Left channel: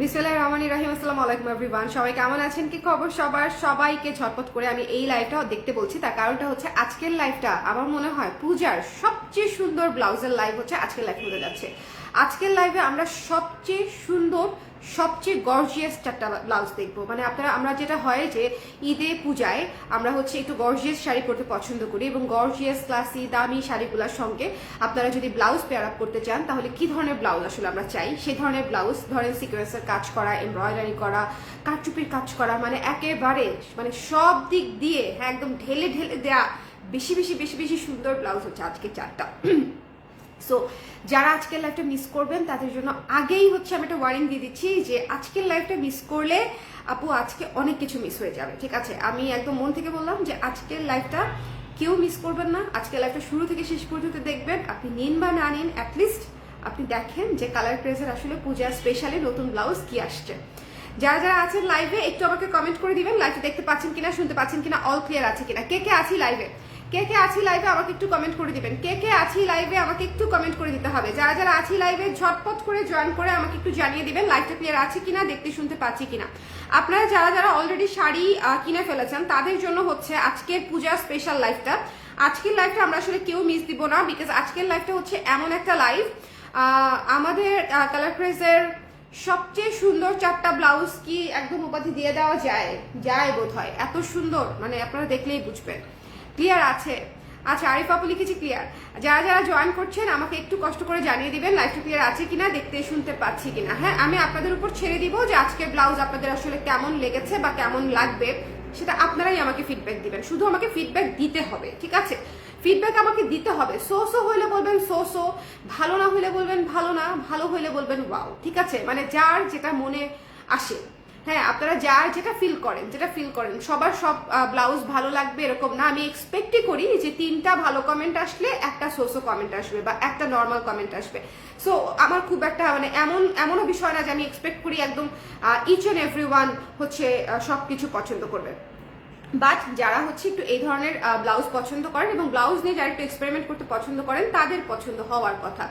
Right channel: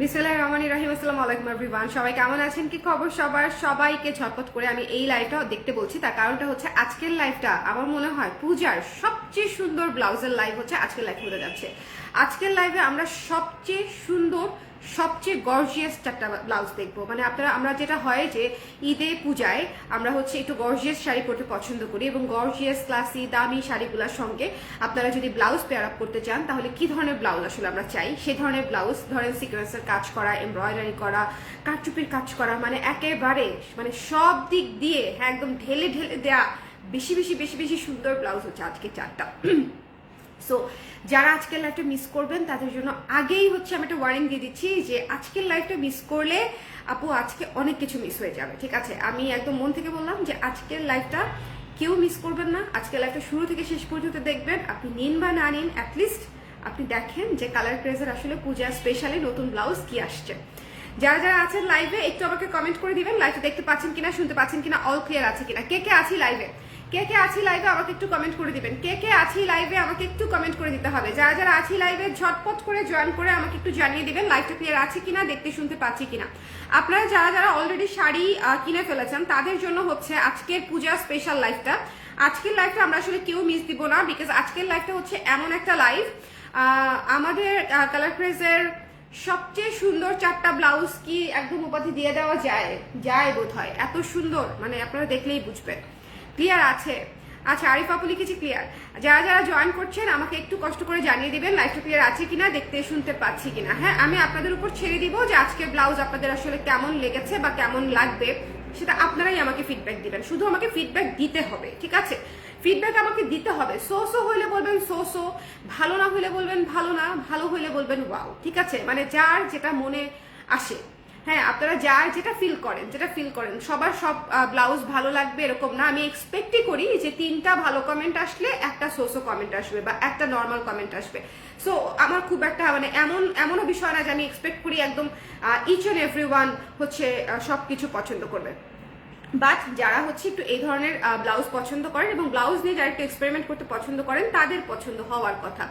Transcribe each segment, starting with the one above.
বিসমিল্লাহির রহমানির রহিম। আসসালামু আলাইকুম এভরিওয়ান, সবাই কেমন আছেন? কি খবর সবার? সবাইকে ঝটপট করে আমি এই লাইভটা দেখতে বলছি, তার কারণটা হচ্ছে আজকের লাইভটা আমার মনে হয় পূজার সবচেয়ে সুন্দর ব্লাউজের লাইভ হচ্ছে আজকের লাইভ হতে যাচ্ছে। আজকের লাইভে আমরা সবচেয়ে সুন্দর সবচেয়ে গর্জিয়াস চারটা ব্লাউজ দেখবো। মানে আমরা যেটা হয় যে ঈদে পূজায় আমরা হচ্ছে একটু গর্জিয়াস শাড়ি পরতে পছন্দ করি, এবং গর্জিয়াস ক্লাসি দামি শাড়িগুলোর সঙ্গে আপনারা যদি ব্লাউজ পেয়ার আপ করতে চান তাহলে কি ধরনের ব্লাউজ আসলে আমরা চাই, সেই ধরনের ব্লাউজ ধরেন সিকোয়েন্সের কাজ করা, এমব্রয়ডারি করা, কারচুপির কাজ করা, মানে একেবারে মানে সব দিক দিয়ে হ্যাঁ একদম ঢেলে ঢেলে দেয়া বেশি বেশি বেশি বেশি সুন্দর ব্লাউজ হচ্ছে আজকে চারটা। সো যারা আজকের লাইভটা মিস করবেন তাদের জন্য আগেই হচ্ছে আমি একটা ওয়ার্নিং দিয়ে দিচ্ছি যে আজকের লাইভটা মিস করলে আপু আজকে অনেক কিছু মিস হয়ে যাবে। ঠিক আছে, আমি একদম মন থেকে বললাম যে আজকের লাইভটা কেউ মিস করবেন না। আজকের লাইভটা শুরু থেকে শেষ পর্যন্ত দেখবেন। আপনি নিন বা না নিন, অ্যাটলিস্ট আপনি দেখেন যে কালার ক্রেজের আসলে পূজা স্পেশালি নতুন ব্লাউজ কি আসছে। যারা যারা আছেন লাইভে একটু আমাকে কমেন্ট করে দিবেন লাইভটা দেখতে পাচ্ছেন কিনা, শুনতে পাচ্ছেন কিনা, অল ক্লিয়ার আছে কিনা, কে কে আছি লাইভে, কে কে আছি লাইভে আমাকে একটু কমেন্ট করে দিবেন, কে কে আছি লাইভে আমাকে একটু কমেন্ট করে দিতে হবে। যারা যারা আছি লাইভে ঝটপট করে জয়েন করে আমাকে একটু জানিয়ে দিবেন লাইভটা ক্লিয়ার আছে কিনা, দেখতে শুনতে পাচ্ছি কিনা। আপনারা যারা যারা অলরেডি শাড়ি কিনে ফেলেছেন তাদের জন্য হচ্ছে আজকের পূজা স্পেশাল লাইভটা। আজকের লাইভটা আমরা আসলে কেউ মিস দিব না, বিকজ আজকের লাইভটা হচ্ছে এমন একটা লাইভ আমাদের কালার ক্রেজের সবচেয়ে সুন্দর চারটা ব্লাউজ কি একদম উপাধি দিয়ে দেওয়া যায় বোধ হয়, এত সুন্দর, মানে আপনারা দেখলেই বুঝবেন। ক্লিয়ার আছে? আচ্ছা, আরিফ আপু লিখেছি ক্লিয়ার। যারা যারা জয়েন করছেন আমাকে একটু কষ্ট করে জানিয়ে দিবেন লাইভটা ক্লিয়ার আছে কিনা, দেখতে শুনতে পাচ্ছি কিনা। হ্যাঁ, আমি আপনাদের উপর ছেড়ে দিব যে আজকে ব্লাউজ আপনাদের আসলে কেমন লেগেছে বা কেমন লাগবে, সেটা আপনারাই আমাকে ফিডব্যাক দিবেন। শুধু আমাকে ফিডব্যাক দিতে হবে, ঠিক আছে? ফিডব্যাক আমাকে দিতে হবে। সো হইলে বলবেন সো, ভালো না হইলে বলবেন ভালো না, ভালো হইলে বলবেন ওয়াও, ঠিক আছে? মানে যার যেটা মনে আসে, হ্যাঁ আপনারা যার যেটা ফিল করেন সবার সব ব্লাউজ ভালো লাগবে এরকম না। আমি এক্সপেক্টই করি যে 3টা ভালো কমেন্ট আসলে একটা সোসো কমেন্ট আসবে বা একটা নর্মাল কমেন্ট আসবে। সো আমার খুব একটা মানে এমনও বিষয় না যে আমি এক্সপেক্ট করি একদম ইচ অ্যান্ড এভরিওয়ান হচ্ছে সবকিছু পছন্দ করবে। বাট যারা হচ্ছে একটু এই ধরনের ব্লাউজ পছন্দ করেন এবং ব্লাউজ নিয়ে যারা একটু এক্সপেরিমেন্ট করতে পছন্দ করেন তাদের পছন্দ হওয়ার কথা।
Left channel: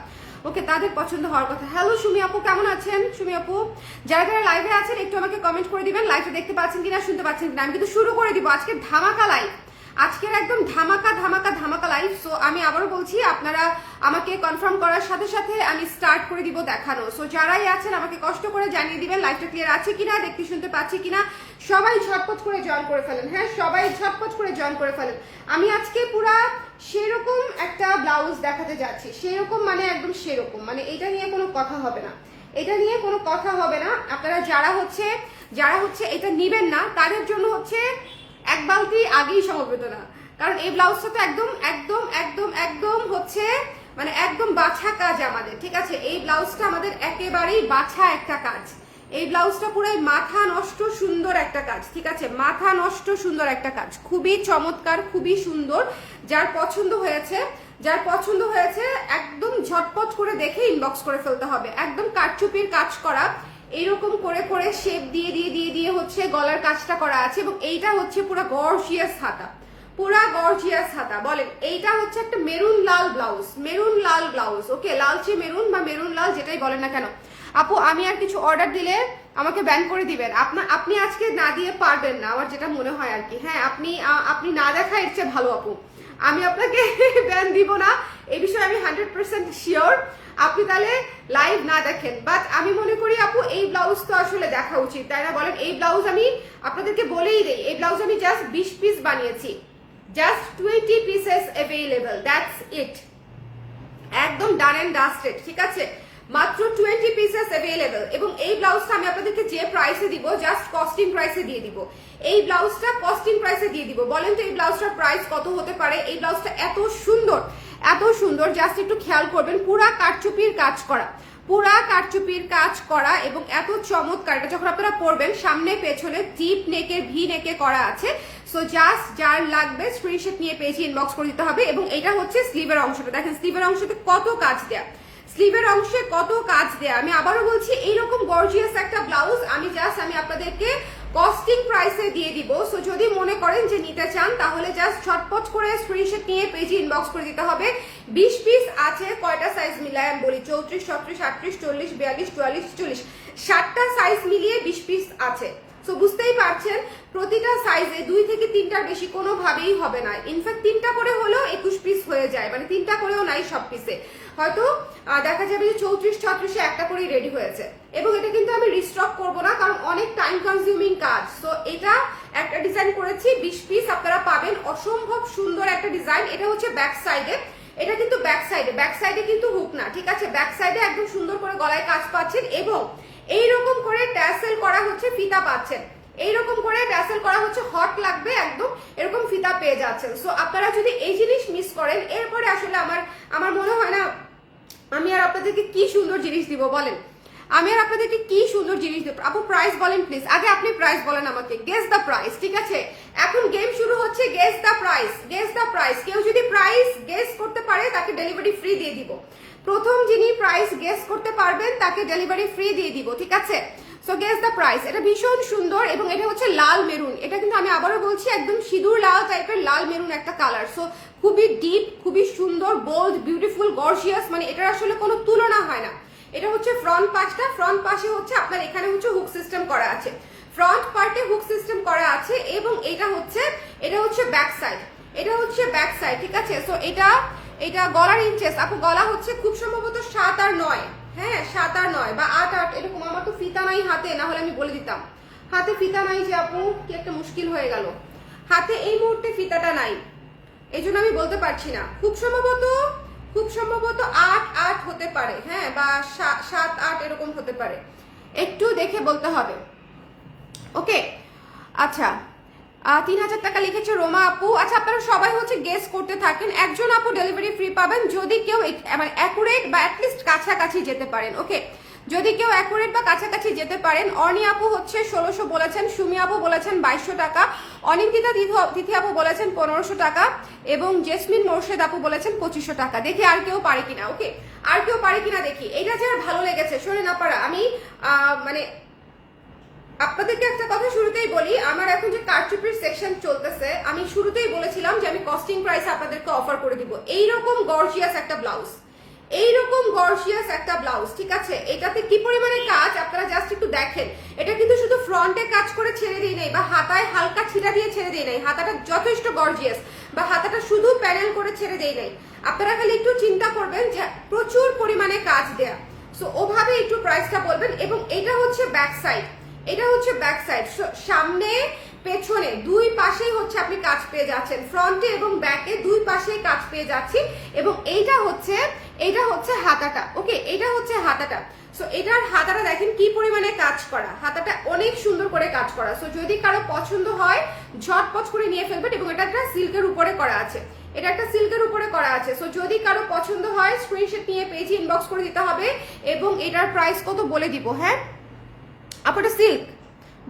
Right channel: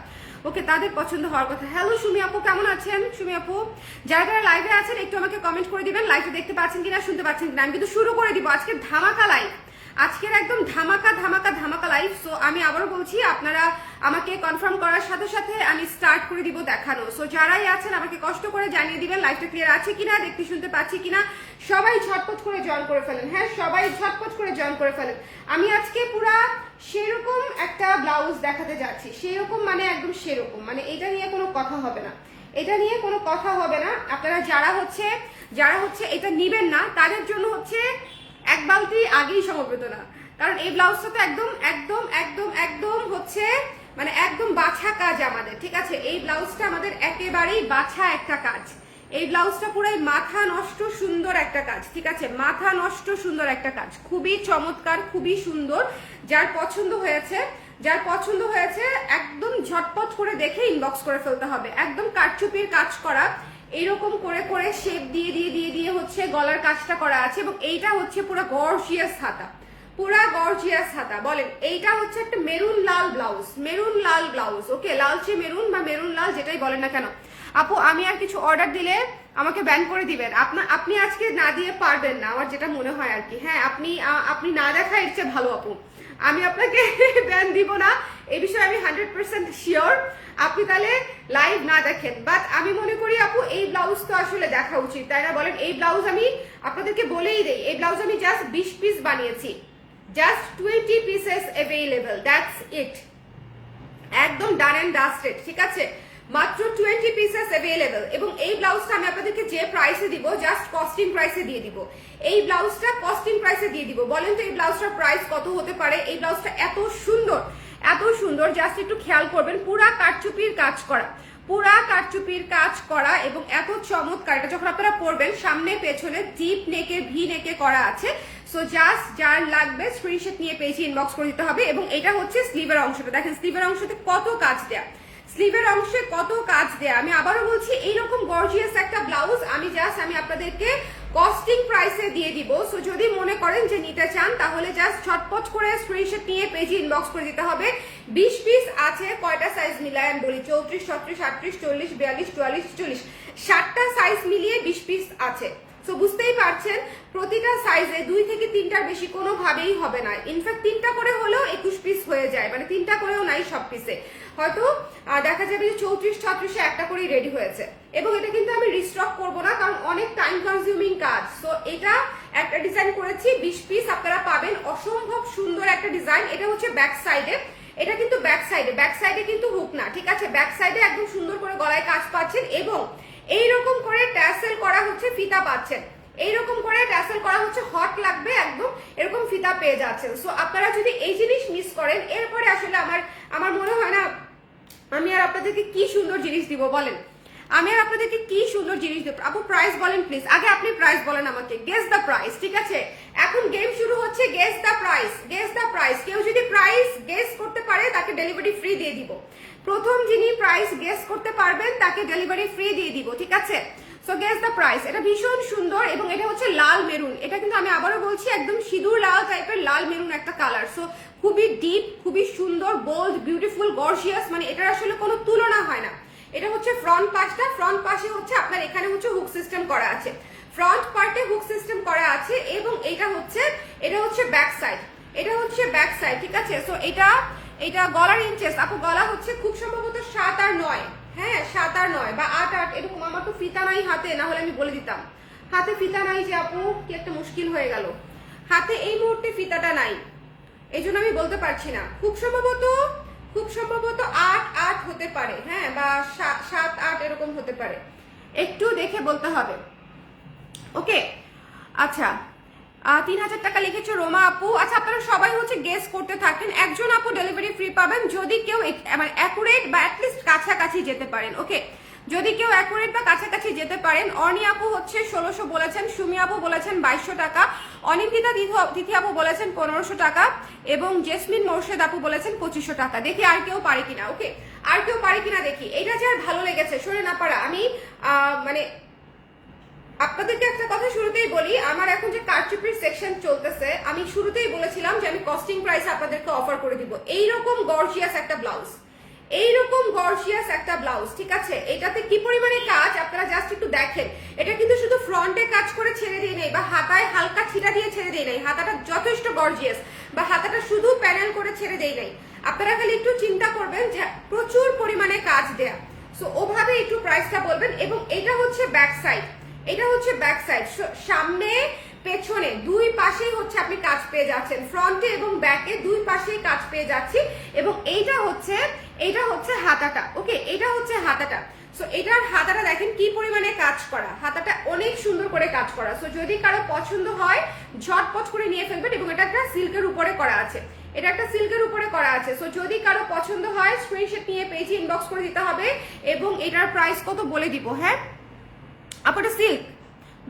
ওকে, তাদের পছন্দ হওয়ার কথা। হ্যালো সুমি আপু, কেমন আছেন? সুমি আপু, যারা যারা লাইভে আছেন একটু আমাকে কমেন্ট করে দিবেন লাইভে দেখতে পাচ্ছেন কিনা, শুনতে পাচ্ছেন কিনা। আমি কিন্তু শুরু করে দিব আজকে ধামাকা লাইভ, আজকের একদম ধামাকা ধামাকা ধামাকা লাইভ। সো আমি আবারও বলছি, আপনারা আমাকে কনফার্ম করার সাথে সাথে আমি স্টার্ট করে দিব দেখানো। সো যারাই আছেন আমাকে কষ্ট করে জানিয়ে দিবেন লাইভটা ক্লিয়ার আছে কিনা, দেখতে শুনতে পাচ্ছি কিনা। সবাই ঝটপট করে জয়েন করে ফেলেন। হ্যাঁ, সবাই ঝটপট করে জয়েন করে ফেলেন। আমি আজকে পুরা সেরকম একটা ব্লাউজ দেখাতে যাচ্ছি, সেরকম মানে একদম সেরকম, মানে এটা নিয়ে কোনো কথা হবে না, এটা নিয়ে কোনো কথা হবে না। আপনারা যারা হচ্ছে এটা নিবেন না তাদের জন্য হচ্ছে এক বালতি আগেই সমবেদনা, কারণ এই ব্লাউজটা তো একদম একদম একদম একদম হচ্ছে মানে একদম বাছা কাজ আমাদের, ঠিক আছে? এই ব্লাউজটা আমাদের একেবারেই বাছা একটা কাজ। এই ব্লাউজটা পুরাই মাথা নষ্ট সুন্দর একটা কাজ, ঠিক আছে? মাথা নষ্ট সুন্দর একটা কাজ, খুবই চমৎকার, খুবই সুন্দর। যার পছন্দ হয়েছে একদম ঝটপট করে দেখে ইনবক্স করে ফেলতে হবে। একদম কারচুপির কাজ করা, এইরকম করে করে শেপ দিয়ে দিয়ে দিয়ে দিয়ে হচ্ছে গলার কাজটা করা আছে, এবং এইটা হচ্ছে পুরো গর্জিয়াস হাতা, পুরা গর্জিয়াস হাতা। বলেন, এইটা হচ্ছে একটা মেরুন লাল ব্লাউজ। ওকে, লালচে মেরুন বা মেরুন লাল যেটাই বলেন না কেন। আপু আমি আর কিছু অর্ডার দিলে আমাকে ব্যান করে দিবেন। আপনি আজকে না দিয়ে পারবেন না, আমার যেটা মনে হয় আর কি। হ্যাঁ, আপনি না দেখা ইচ্ছে ভালো আপু, আমি আপনাকে ব্যান দিব না, এই বিষয়ে আমি 100% শিওর। আপনি তাহলে লাইভ না দেখেন, বাট আমি মনে করি আপু এই ব্লাউজ তো আসলে দেখা উচিত, তাই না বলেন? এই ব্লাউজ আমি আপনাদেরকে বলেই দেই, এই ব্লাউজ আমি জাস্ট 20 পিস বানিয়েছি, just 20 pieces available, that's it. একদম ডান অ্যান্ড ডাস্টেড, ঠিক আছে? মাত্র 20 পিসেস অ্যাভেলেবল। এবং এই ব্লাউজটা আমি আপনাদেরকে যে প্রাইসে দিব জাস্ট কস্টিং প্রাইসে দিয়ে দিব। এই ব্লাউজটা কস্টিং প্রাইসে দিয়ে দিব। বলেন তো এই ব্লাউজটার প্রাইস কত হতে পারে? এই ব্লাউজটা এত সুন্দর, জাস্ট একটু খেয়াল করবেন, পুরা কারচুপির কাজ করা এবং এত চমৎকার। এটা যখন আপনারা পরবেন সামনে পেছনে ডিপ নেকের ভি নেকে করা আছে। সো জাস্ট যার লাগবে স্ক্রিনশট নিয়ে পেজে ইনবক্স করে দিতে হবে। এবং এটা হচ্ছে স্লিভের অংশটা, দেখেন স্লিভের অংশতে কত কাজ দেয়া, স্লিভের অংশে কত কাজ দেয়া। আমি আবারও বলছি এইরকম গর্জিয়াস একটা ব্লাউজ আমি আপনাদেরকে কস্টিং প্রাইসে দিয়ে দিব। সো যদি মনে করেন যে নিতে চান তাহলে জাস্ট ঝটপট করে স্ক্রিনশট নিয়ে পেজে ইনবক্স করে দিতে হবে। 20 পিস আছে, কয়টা সাইজ মিলায় আমি বলি, 34, 36, 38, 40, 42, 44, 40, 60টা সাইজ মিলিয়ে 20 পিস আছে। সো বুঝতেই পারছেন প্রতিটা সাইজে 2 থেকে 3টার বেশি কোনোভাবেই হবে না। ইনফ্যাক্ট 3টা করে হলেও 21 পিস হয়ে যায়, মানে 3টা করেও নাই সব পিসে, হয়তো দেখা যাবে যে 34, 36-এ একটা করেই রেডি হয়েছে। এবং এটা কিন্তু আমি রিস্টক করব না, কারণ অনেক টাইম কনজিউমিং কাজ। সো এটা একটা ডিজাইন করেছি 20 পিস আপনারা পাবেন, অসম্ভব সুন্দর একটা ডিজাইন। এটা হচ্ছে ব্যাক সাইডে, এটা কিন্তু ব্যাক সাইডে কিন্তু হুক না, ঠিক আছে, ব্যাক সাইডে একদম সুন্দর করে গলায় কাজ পাচ্ছেন এবং এইরকম করে ট্যাসেল করা হচ্ছে ফিতা পাচ্ছেন, এইরকম করে ট্যাসেল করা হচ্ছে, হট লাগবে একদম, এরকম ফিতা পেয়ে যাচ্ছেন। সো আপনারা যদি এই জিনিস মিস করেন এরপরে আসলে আমার মনে হয় না আমি আর আপনাদেরকে কি সুন্দর জিনিস দিব বলেন, আমি আর আপনাদেরকে কি সুন্দর জিনিস দেব। আপু প্রাইস বলেন প্লিজ, আগে আপনি প্রাইস বলেন আমাকে, গেস দ্য প্রাইস, ঠিক আছে, এখন গেম শুরু হচ্ছে, guess the price, guess the price. কেউ যদি প্রাইস গেস করতে পারে তাকে ডেলিভারি ফ্রি দিয়ে দিব, প্রথম যিনি প্রাইস গেস করতে পারবেন তাকে ডেলিভারি ফ্রি দিয়ে দিব, ঠিক আছে। So guess the price. এটা ভীষণ সুন্দর এবং এটা হচ্ছে লাল মেরুন, এটা কিন্তু আমি আবারও বলছি একদম সিঁদুর লাল টাইপের লাল মেরুন একটা কালার। সো খুবই ডিপ, খুবই সুন্দর, বোল্ড, বিউটিফুল, গর্জিয়াস, মানে এটার আসলে কোনো তুলনা হয় না। এটা হচ্ছে ফ্রন্ট পাশটা, ফ্রন্ট পাশে হচ্ছে আপনার এখানে হচ্ছে হুক সিস্টেম করা আছে, ফ্রন্ট পার্টে হুক সিস্টেম করা আছে এবং এটা হচ্ছে ব্যাক সাইড, এটা হচ্ছে ব্যাক সাইড, ঠিক আছে। সো এটা গলার ইঞ্চেস, আপু গলা হচ্ছে খুব সম্ভবত 7 আর 9, হ্যাঁ 7 আর 9 বা 8 8 এরকম। আমার তো ফিতা নাই হাতে, না হলে আমি বলে দিতাম। হাতে ফিতা নাই যে আপু, কি একটা মুশকিল হয়ে গেল, হাতে এই মুহূর্তে ফিতাটা নাই, এই জন্য আমি বলতে পারছি না। খুব সম্ভবত 8 8 হতে পারে, হ্যাঁ, বা 7 8 এরকম হতে পারে, একটু দেখে বলতে হবে। ওকে, আচ্ছা 3000 টাকা লিখেছে রোমা আপু। আচ্ছা আপনারা সবাই হচ্ছে গেস করতে থাকেন, একজন আপু ডেলিভারি ফ্রি পাবেন যদি কেউ মানে অ্যাকুরেট বা অ্যাটলিস্ট কাছাকাছি যেতে পারেন। ওকে, যদি কেউ অ্যাকুরেট বা কাছাকাছি যেতে পারেন। অর্নি আপু হচ্ছে 1600 বলেছেন, সুমি আপু বলেছেন 2200 টাকা, অনিন্দিতা তিথি আপু বলেছেন 1500 টাকা এবং জেসমিন মোর্শেদ আপু বলেছেন 2500 টাকা। দেখি আর কেউ পারে কিনা, ওকে আর কেউ পারে কিনা দেখি। এইটা যার ভালো লেগেছে শোনে না পারা, আমি মানে আপনাদেরকে একটা কথা শুরুতেই বলি, আমার এখন যে কারচুপির সেকশন চলতেছে, আমি শুরুতেই বলেছিলাম যে আমি কস্টিং প্রাইস আপনাদেরকে অফার করে দিব এইরকম গর্জিয়াস একটা ব্লাউজ, এইরকম গর্জিয়াস একটা ব্লাউজ, ঠিক আছে। এটাতে কি পরিমাণে কাজ আপনারা জাস্ট একটু দেখেন। এটা কিন্তু শুধু ফ্রন্টে কাজ করে ছেড়ে দিয়ে নেই বা হাতায় হালকা ছিটা দিয়ে ছেড়ে দিয়ে নেই, হাতাটা যথেষ্ট গর্জিয়াস, বা হাতাটা শুধু প্যানেল করে ছেড়ে দিয়ে নেই। আপনারা খালি একটু চিন্তা করবেন যে প্রচুর পরিমাণে কাজ দেয়া, সো ওভাবে একটু প্রাইসটা বলবেন। এবং এটা হচ্ছে ব্যাক সাইড, এটা হচ্ছে ব্যাক সাইড, সামনে পেছনে দুই পাশেই হচ্ছে আপনি কাজ পেয়ে যাচ্ছেন, ফ্রন্টে এবং ব্যাকে দুই পাশেই কাজ পেয়ে যাচ্ছি। এবং এইটা হচ্ছে হাতাটা, ওকে এটা হচ্ছে হাতাটা। সো এটার হাতাটা দেখেন কি পরিমাণে কাজ করা, হাতাটা অনেক সুন্দর করে কাজ করা। সো যদি কারো পছন্দ হয় ঝটপট করে নিয়ে ফেলবেন। এবং এটা একটা সিল্কের উপরে করা আছে, এটা একটা সিল্কের উপরে করা আছে। সো যদি কারো পছন্দ হয় স্ক্রিনশট নিয়ে পেজে ইনবক্স করে দিতে হবে এবং এটার প্রাইস কত বলে দিব। হ্যাঁ আপু এটা সিল্ক,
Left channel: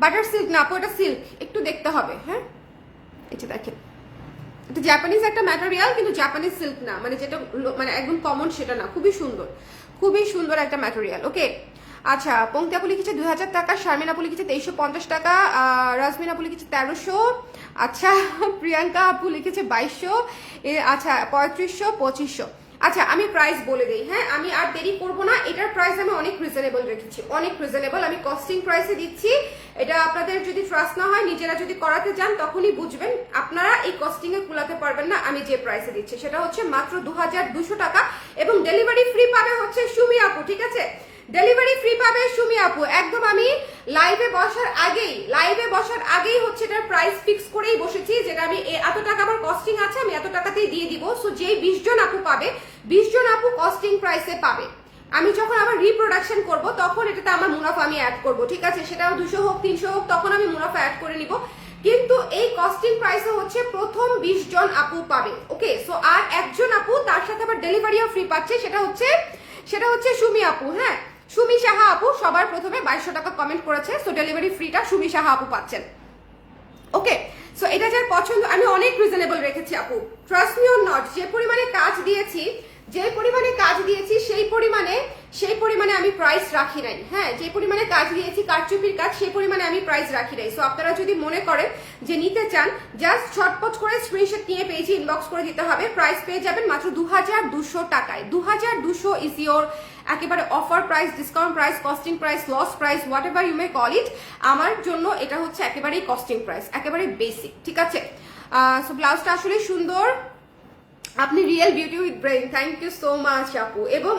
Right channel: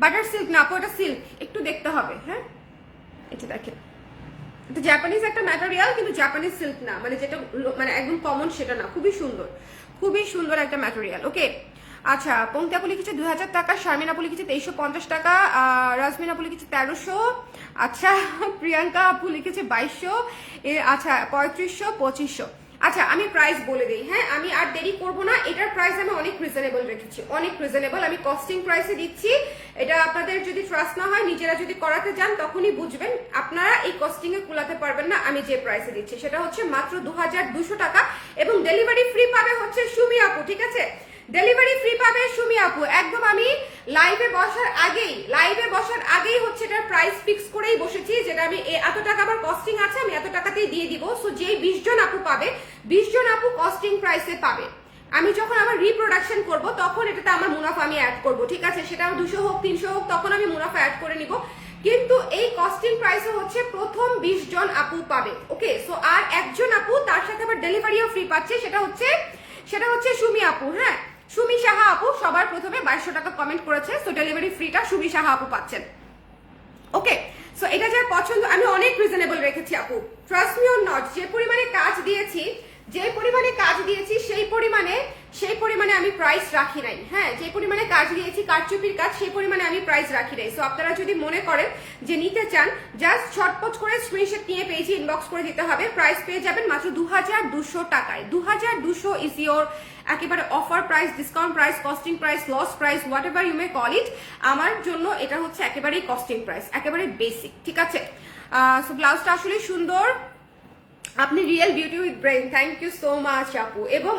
বাটার সিল্ক না আপু, এটা সিল্ক, একটু দেখতে হবে। হ্যাঁ এটা দেখেন, এটা জাপানিজ একটা ম্যাটেরিয়াল, কিন্তু জাপানিজ সিল্ক না, মানে যেটা মানে একদম কমন সেটা না, খুবই সুন্দর একটা ম্যাটেরিয়াল। ওকে আচ্ছা, পঙ্ক্তি আপু লিখেছে 2000 টাকা, শারমিন আপু লিখেছে 2350 টাকা, রাজমিন আপু লিখেছে 1300, আচ্ছা প্রিয়াঙ্কা আপু লিখেছে 2200, আচ্ছা 3500 2500। আচ্ছা আমি প্রাইস বলে দিই, হ্যাঁ আমি আর দেরি করব না। এটার প্রাইস আমি অনেক রিজনেবল রেখেছি, অনেক রিজনেবল, আমি কস্টিং প্রাইসে দিচ্ছি। এটা আপনাদের যদি ট্রাস্ট না হয়, নিজেরা যদি করাতে যান তখনই বুঝবেন আপনারা এই কস্টিং এ কুলাতে পারবেন না। আমি যে প্রাইসে দিচ্ছি সেটা হচ্ছে মাত্র 2200 টাকা এবং ডেলিভারি ফ্রি পাবে হচ্ছে সুমি আপু, ঠিক আছে, ডেলিভারি ফ্রি পাবে সুমি আপু। একদম আমি লাইভে বসার আগেই হচ্ছে এটার প্রাইস ফিক্স করেই বসেছি, যেটা আমি এত টাকা আমার কস্টিং আছে, আমি এত টাকাতেই দিয়ে দিব। সো যে 20 জন আপু পাবে, 20 জন আপু কস্টিং প্রাইসে পাবে। আমি যখন আবার রিপ্রোডাকশন করব তখন এটাতে আমার মুনাফা আমি অ্যাড করব, ঠিক আছে, সেটা 200 হোক 300 হোক, তখন আমি মুনাফা অ্যাড করে নিব। কিন্তু এই কস্টিং প্রাইসে হচ্ছে প্রথম 20 জন আপু পাবে। ওকে, সো আর একজন আপু তার সাথে আবার ডেলিভারিও ফ্রি পাচ্ছে, সেটা হচ্ছে সুমি আপু। হ্যাঁ সুমি সাহা আপু সবার প্রথমে 2200 টাকা কমেন্ট করেছে, সো ডেলিভারি ফ্রিটা সুমি সাহা আপু পাচ্ছেন। ওকে, সো এটা যার পছন্দ, আমি অনেক রিজনেবল রেখেছি আপু, ট্রাস্ট মি অর নট। যে পরিমাণে কাজ দিয়েছি সেই পরিমাণে আমি প্রাইস রাখি নাই, হ্যাঁ যে পরিমাণে কাজ দিয়েছি কারচুপির কাজ সেই পরিমাণে আমি প্রাইস রাখি নাই। সো আপনারা যদি মনে করেন যে নিতে চান জাস্ট ঝটপট করে স্ক্রিনশট নিয়ে পেজে ইনবক্স করে দিতে হবে। প্রাইস পেয়ে যাবেন মাত্র 2200 টাকায়। 2200 ইজ ইওর একেবারে offer price, discount price, costing price, loss price, whatever you may call it. আমার জন্য এটা হচ্ছে একেবারেই কস্টিং প্রাইস, একেবারে বেসিক, ঠিক আছে। সো ব্লাউজটা আসলে সুন্দর, আপনি real beauty with brain, thank you so much আপু। এবং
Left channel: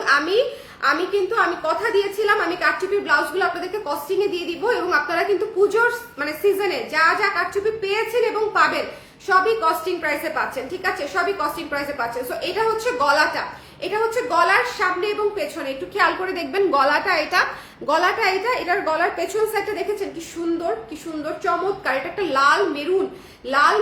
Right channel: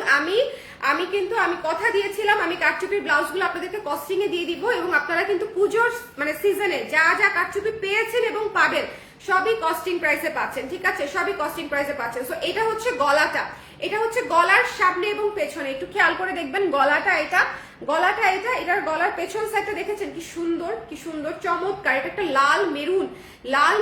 আমি কিন্তু কথা দিয়েছিলাম আমি কারচুপির ব্লাউজগুলো আপনাদেরকে কস্টিং এ দিয়ে দিব, এবং আপনারা কিন্তু পুজোর মানে সিজনে যা যা কারচুপি পেয়েছেন এবং পাবেন সবই কস্টিং প্রাইসে পাচ্ছেন, ঠিক আছে, সবই কস্টিং প্রাইসে পাচ্ছেন। সো এটা হচ্ছে গলাটা, এটা হচ্ছে গলার সামনে এবং পেছনে, একটু খেয়াল করে দেখবেন গলাটা এটা, গলাটা এটা, এটার গলার পেছন সাইডটা দেখেছেন কি সুন্দর, কি সুন্দর চমৎকার। এটা একটা লাল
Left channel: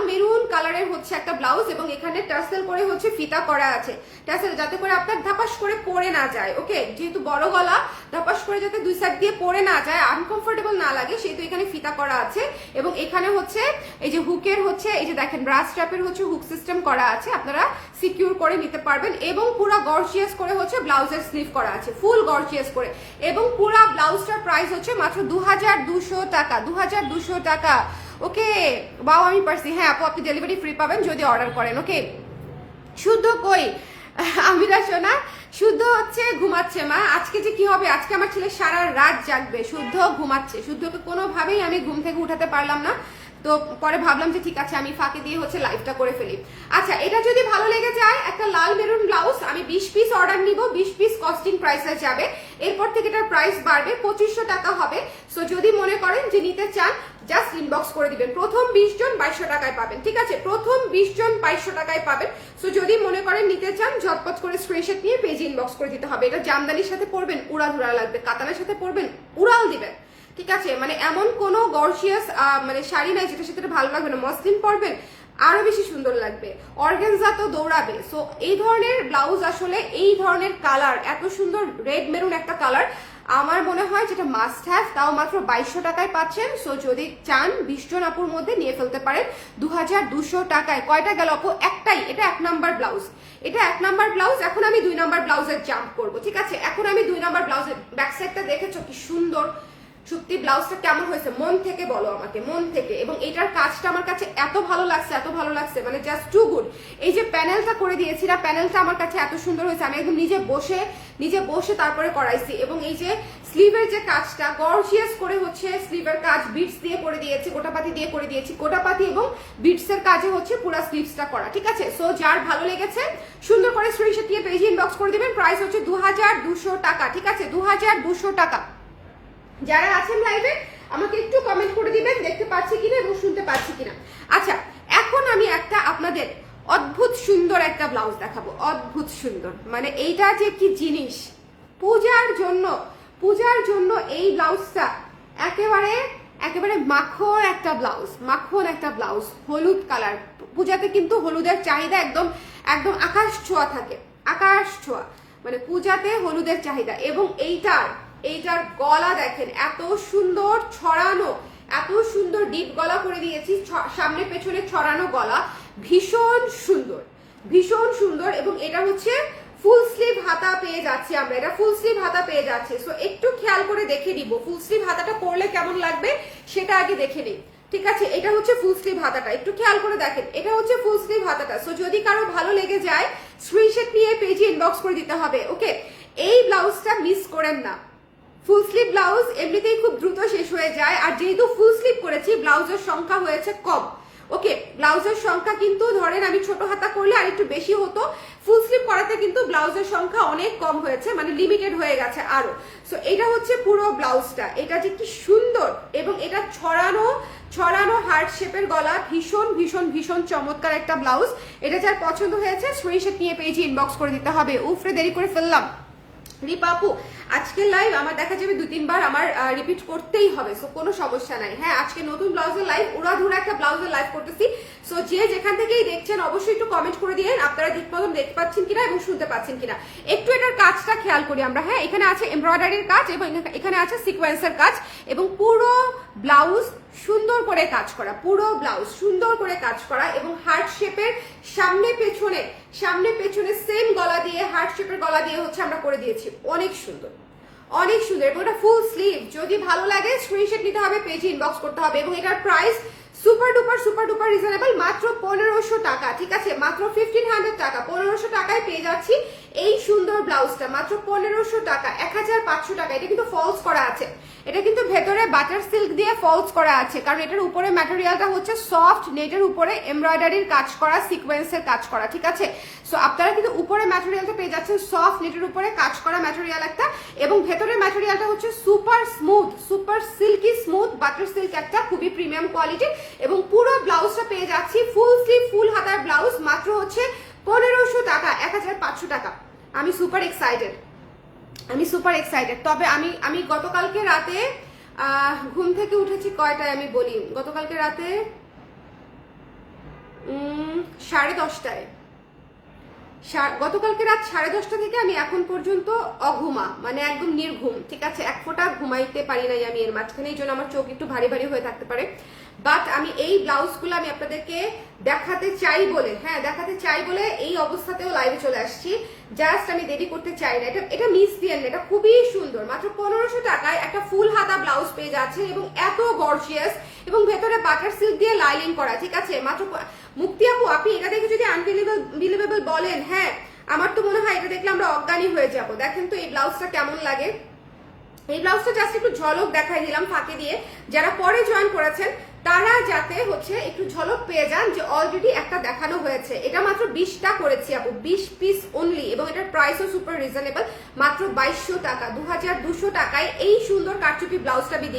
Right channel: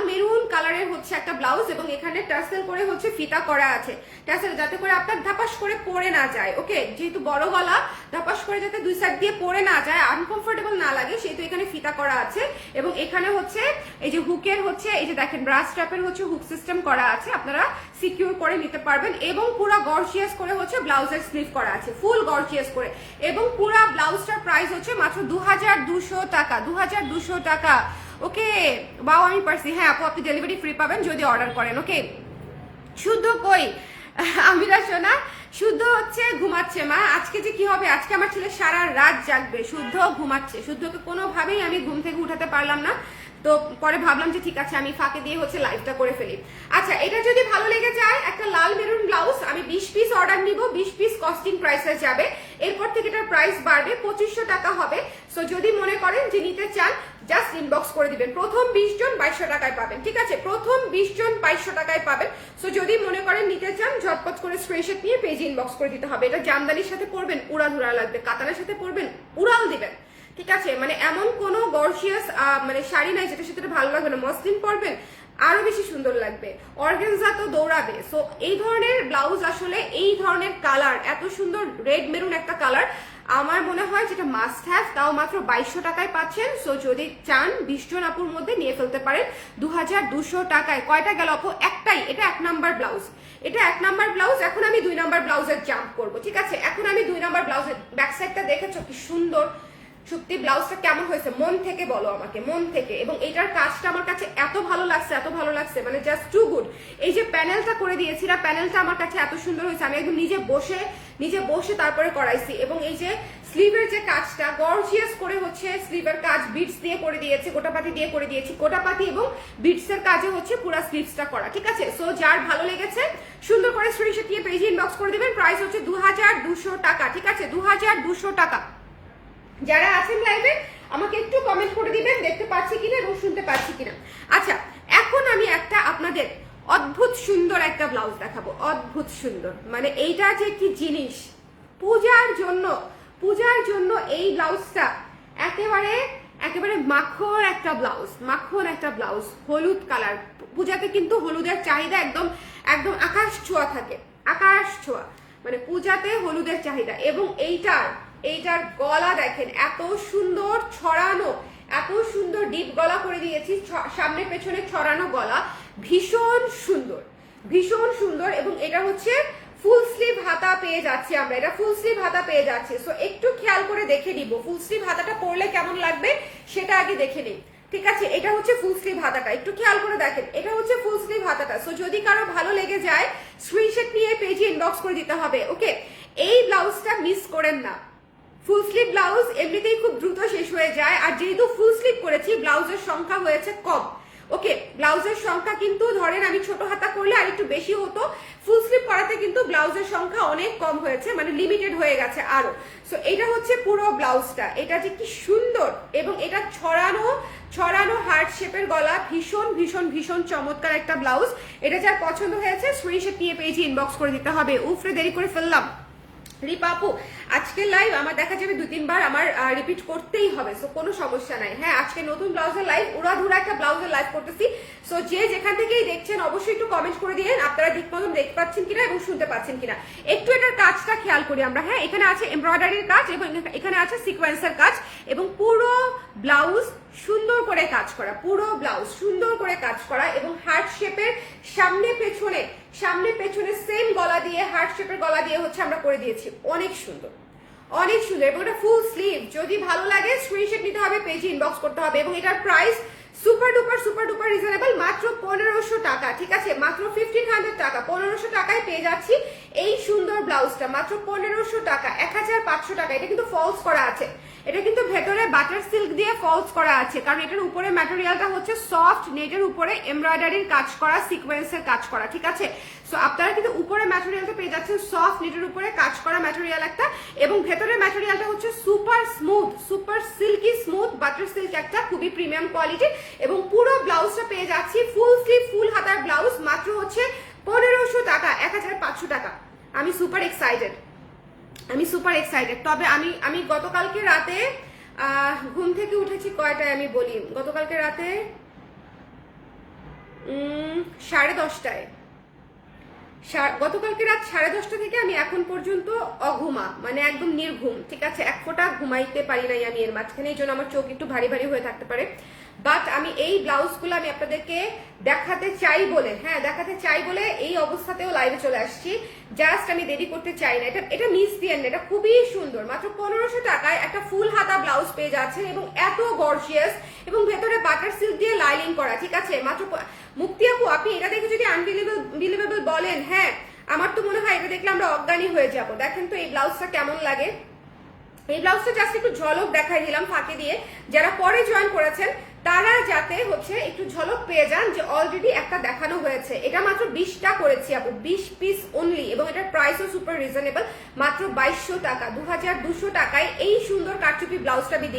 মেরুন কালারের হচ্ছে একটা ব্লাউজ, এবং এখানে টার্সেল করে হচ্ছে ফিতা করা আছে, টার্সেল যাতে করে আপনার ধাপাস করে পরে না যায়, ওকে, যেহেতু বড় গলা ধাপাস করে যাতে দুই সাইড দিয়ে পরে না যায়, আনকমফোর্টেবল না লাগে, সেহেতু এখানে ফিতা করা আছে। এবং এখানে হচ্ছে এই যে হুকের হচ্ছে এই যে দেখেন ব্রাশ স্ট্র্যাপের হচ্ছে হুক সিস্টেম করা আছে, আপনারা সিকিউর করে নিতে পারবেন। এবং পুরো গর্জিয়াস করে হচ্ছে ব্লাউজের স্লিভ করা আছে, ফুল গর্জিয়াস করে। এবং পুরো ব্লাউজটার প্রাইস হচ্ছে মাত্র 2200 টাকা, 2200 টাকা, ওকে। বাও আমি পারছি, হ্যাঁ আপু আপনি ডেলিভারি ফ্রি পাবেন যদি অর্ডার করেন, ওকে। শুদ্ধ কই আমিরা সোনা, শুদ্ধ হচ্ছে ঘুমাচ্ছে মা। আজকে যে কি হবে, আজকে আমার ছেলে সারা রাত জাগবে, শুদ্ধ ঘুমাচ্ছে, শুদ্ধকে কোনোভাবেই আমি ঘুম থেকে উঠাতে পারলাম না, তো পরে ভাবলাম যে ঠিক আছে আমি ফাঁকে দিয়ে হচ্ছে লাইভটা করে ফেলি। আচ্ছা এটা যদি ভালো লেগে যায়, একটা লাল মেরুন ব্লাউজ আমি 20 পিস অর্ডার নিব, 20 পিস কস্টিং প্রাইসে যাবে, এরপর থেকে এটার প্রাইস বাড়বে, 2500 টাকা হবে। সো যদি মনে করেন যে নিতে চান জাস্ট ইনবক্স করে দিবেন, প্রথম 20 জন 2200 টাকায় পাবেন, ঠিক আছে, প্রথম 20 জন 2200 টাকায় পাবেন। সো যদি মনে করেন নিতে চান ঝটপট করে স্ক্রিনশট নিয়ে পেজে ইনবক্স করে দিতে হবে। এটা জামদানির সাথে পরবেন উড়াধুরা লাগবে, কাতানের সাথে পরবেন উড়াল দিবেন, ঠিক আছে, মানে এমন কোনো গর্জিয়াস মানে শাড়ি নাই যেটা সেটা ভালো লাগবে না, মসলিন পরবেন আরো বেশি সুন্দর লাগবে, অর্গানজা তো দৌড়াবে। সো এই ধরনের ব্লাউজ আসলে এই ধরনের কালার, এত সুন্দর রেড মেরুন একটা কালার, আমার মনে হয় যেটা মাস্ট হ্যাভ, তাও মাত্র 2200 টাকায় পাচ্ছেন। সো যদি চান 20 জন আপুর মধ্যে নিয়ে ফেলতে পারেন 2200 টাকায়। কয়টা গেল আপু? একটাই, এটা 1 নাম্বার ব্লাউজ, এটা 1 নাম্বার ব্লাউজ। এখন আমি 2 নাম্বার ব্লাউজের জাম্প করবো, ঠিক আছে। এখন আমি 2 নাম্বার ব্লাউজের ব্যাক সাইডটা দেখেছো কি সুন্দর, সত্যি ব্লাউজটা কেমন হয়েছে মন থেকে বলো আমাকে, মন থেকে। এবং এটার কাজটা আমার কাছে এত ভালো লাগছে, এত ভালো লাগছে, মানে জাস্ট টু গুড। এই যে প্যানেলটা করে দিয়েছি না, প্যানেলটা আমার কাছে এত সুন্দর হয়েছে, আমি একদম নিজে বসে তারপরে করাইছি। এবং এই যে স্লিভের যে কাজটা গর্জিয়াস করে হচ্ছে স্লিভের কাজ বিটস দিয়ে করে দিয়েছি, গোটাপাতি দিয়ে করে দিয়েছি, গোটাপাতি এবং বিটস এর কাজে হচ্ছে পুরো স্লিভসটা করা, ঠিক আছে। সো যার ভালো লেগেছে সুন্দর করে স্ক্রিনশট নিয়ে পেজে ইনবক্স করে দিবেন। প্রাইস হচ্ছে 2200 টাকা, ঠিক আছে, 2200 টাকা। যারা আছেন লাইভে আমাকে একটু কমেন্ট করে দিবেন দেখতে পাচ্ছি কিনা এবং শুনতে পাচ্ছি কিনা। আচ্ছা এখন আমি একটা আপনাদের অদ্ভুত সুন্দর একটা ব্লাউজ দেখাবো, অদ্ভুত সুন্দর, মানে এইটা যে কি জিনিস, পূজার জন্য এই ব্লাউজটা একেবারে মাখন একটা ব্লাউজ, হলুদ কালার। পূজাতে কিন্তু হলুদের চাহিদা একদম আকাশ ছোঁয়া থাকে, আকাশ ছোঁয়া, মানে পূজাতে হলুদের চাহিদা। এবং এইটার গলা দেখেন এত সুন্দর ছড়ানো, এত সুন্দর ডিপ গলা করে দিয়েছি, সামনে পেছনে ছড়ানো গলা, ভীষণ সুন্দর। এবং এটা হচ্ছে ফুল স্লিভ হাতা পেয়ে যাচ্ছি আমরা, এটা ফুল স্লিভ হাতা পেয়ে যাচ্ছে। সো একটু খেয়াল করে দেখে নিব ফুল স্লিভ হাতাটা পরলে কেমন লাগবে সেটা আগে দেখে নিই, ঠিক আছে। এটা হচ্ছে ফুল স্লিভ হাতাটা, একটু খেয়াল করে দেখেন, এটা হচ্ছে ফুল স্লিভ হাতাটা। সো যদি কারো ভালো লেগে যায় স্ক্রিনশট নিয়ে পেজে ইনবক্স করে দিতে হবে, ওকে। এই ব্লাউজটা মিস করেন না, ফুল স্লিভ ব্লাউজ এমনিতেই খুব দ্রুত শেষ হয়ে যায়, আর যেহেতু ফুল স্লিভ করেছি ব্লাউজের সংখ্যা হয়েছে কম, ওকে। ব্লাউজের সংখ্যা কিন্তু ধরেন আমি ছোট হাতা করলে আর একটু বেশি হতো, ফুল স্লিভ করাতে কিন্তু ব্লাউজের সংখ্যা অনেক কম হয়েছে, মানে লিমিটেড হয়ে গেছে আরো। সো এটা হচ্ছে পুরো ব্লাউজটা, এটা যে কি সুন্দর, এবং এটা ছড়ানো হার্ট শেপের গলা, ভীষণ চমৎকার একটা ব্লাউজ। এটা যার পছন্দ হয়েছে স্ক্রিনশট নিয়ে পেজে ইনবক্স করে দিতে হবে। উফরে দেরি করে ফেললাম রিপা আপু, আজকের লাইভ আমার দেখা যাবে 2-3 বার আমার রিপিট করতেই হবে, সো কোনো সমস্যা নাই। হ্যাঁ আজকে নতুন ব্লাউজের লাইভ, উড়াধুরা একটা ব্লাউজের লাইভ করতেছি। সো যে যেখান থেকেই দেখছেন অবশ্যই একটু কমেন্ট করে দিয়েন আপনারা ঠিক মতন দেখতে পাচ্ছেন কিনা এবং শুনতে পাচ্ছেন কিনা। একটু এটার কাজটা খেয়াল করি আমরা, হ্যাঁ এখানে আছে এমব্রয়ডারির কাজ এবং এখানে আছে সিকোয়েন্সের কাজ, এবং পুরো ব্লাউজ সুন্দর করে কাজ করা, পুরো ব্লাউজ সুন্দর করে কাজ করা। এবং হার্ট শেপের সামনে পেছনে সেম গলা দিয়ে, হার্ট শেপের গলা দিয়ে হচ্ছে আমরা করে দিয়েছি, অনেক সুন্দর, অনেক সুন্দর এবং এটা ফুল স্লিভ। যদি ভালো লাগে স্ক্রিনশট নিতে হবে, পেজে ইনবক্স করতে হবে। এবং এটার প্রাইস সুপার ডুপার রিজনেবল, মাত্র 1500 টাকা। ঠিক আছে, মাত্র 1500 টাকা, 1500 টাকায় পেয়ে যাচ্ছি এই সুন্দর ব্লাউজটা, মাত্র 1500 টাকা, 1500 টাকা। এটা কিন্তু ফলস করা আছে, এটা কিন্তু ভেতরে বাটার সিল্ক দিয়ে ফলস করা আছে, কারণ এটার উপরে ম্যাটেরিয়ালটা হচ্ছে সফট নেটের উপরে এমব্রয়ডারির কাজ করা, সিকোয়েন্সের কাজ করা। ঠিক আছে, সো আপনারা কিন্তু উপরে ম্যাটেরিয়ালটা পেয়ে যাচ্ছেন সফট নেটের উপরে কাজ করা ম্যাটেরিয়াল একটা, এবং ভেতরের ম্যাটেরিয়ালটা হচ্ছে super smooth, super silky smooth butter silk একটা, খুবই প্রিমিয়াম কোয়ালিটি। এবং পুরো ব্লাউজটা পেয়ে যাচ্ছি ফুল স্লিভ ফুল হাতার ব্লাউজ, মাত্র হচ্ছে 1500 টাকা, 1500 টাকা। আমি সুপার এক্সাইটেড। তবে আমি গতকালকে রাতে ঘুম থেকে উঠেছি কয়টায় আমি বলি, গতকালকে রাতে 10:30টায়, গতকালকে রাত 10:30 থেকে আমি এখন পর্যন্ত অঘুমা, মানে একদম নির্ঘুম। ঠিক আছে, এক ফোঁটা ঘুমাইতে পারি নাই আমি এর মাঝখানে, এই জন্য আমার চোখ একটু ভারী ভারী হয়ে থাকতে পারে। বাট আমি এই ব্লাউজগুলো আমি আপনাদেরকে দেখাতে চাই বলে এই অবস্থাতেও লাইভে চলে আসছি। জাস্ট আমি দেরি করতে চাই না। এটা মিস দিয়েন না, এটা খুবই সুন্দর। মাত্র 1500 টাকায় একটা ফুল হাতা ব্লাউজ পেয়ে যাচ্ছে এবং এত গর্জিয়াস, এবং ভেতরে বাটার সিল্ক দিয়ে লাইনিং করা। ঠিক আছে, মাত্র মুক্তি আপু, আপনি এটা দেখে যদি আনবিলিভেবল বলেন, হ্যাঁ আমার তো মনে হয় এটা দেখলে আমরা অজ্ঞানী হয়ে যাব। দেখেন তো এই ব্লাউজটা কেমন লাগে। এই ব্লাউজটা জাস্ট একটু ঝলক দেখাই দিলাম ফাঁকে দিয়ে, যারা পরে জয়েন করেছেন তারা যাতে হচ্ছে একটু ঝলক পেয়ে যান যে অলরেডি একটা দেখানো হয়েছে। এটা মাত্র 20টা করেছি আপু, 20 পিস অনলি, এবং এটার প্রাইসও সুপার রিজনেবল, মাত্র 2200 টাকা, 2200 টাকায় এই সুন্দর কারচুপি ব্লাউজটা আমি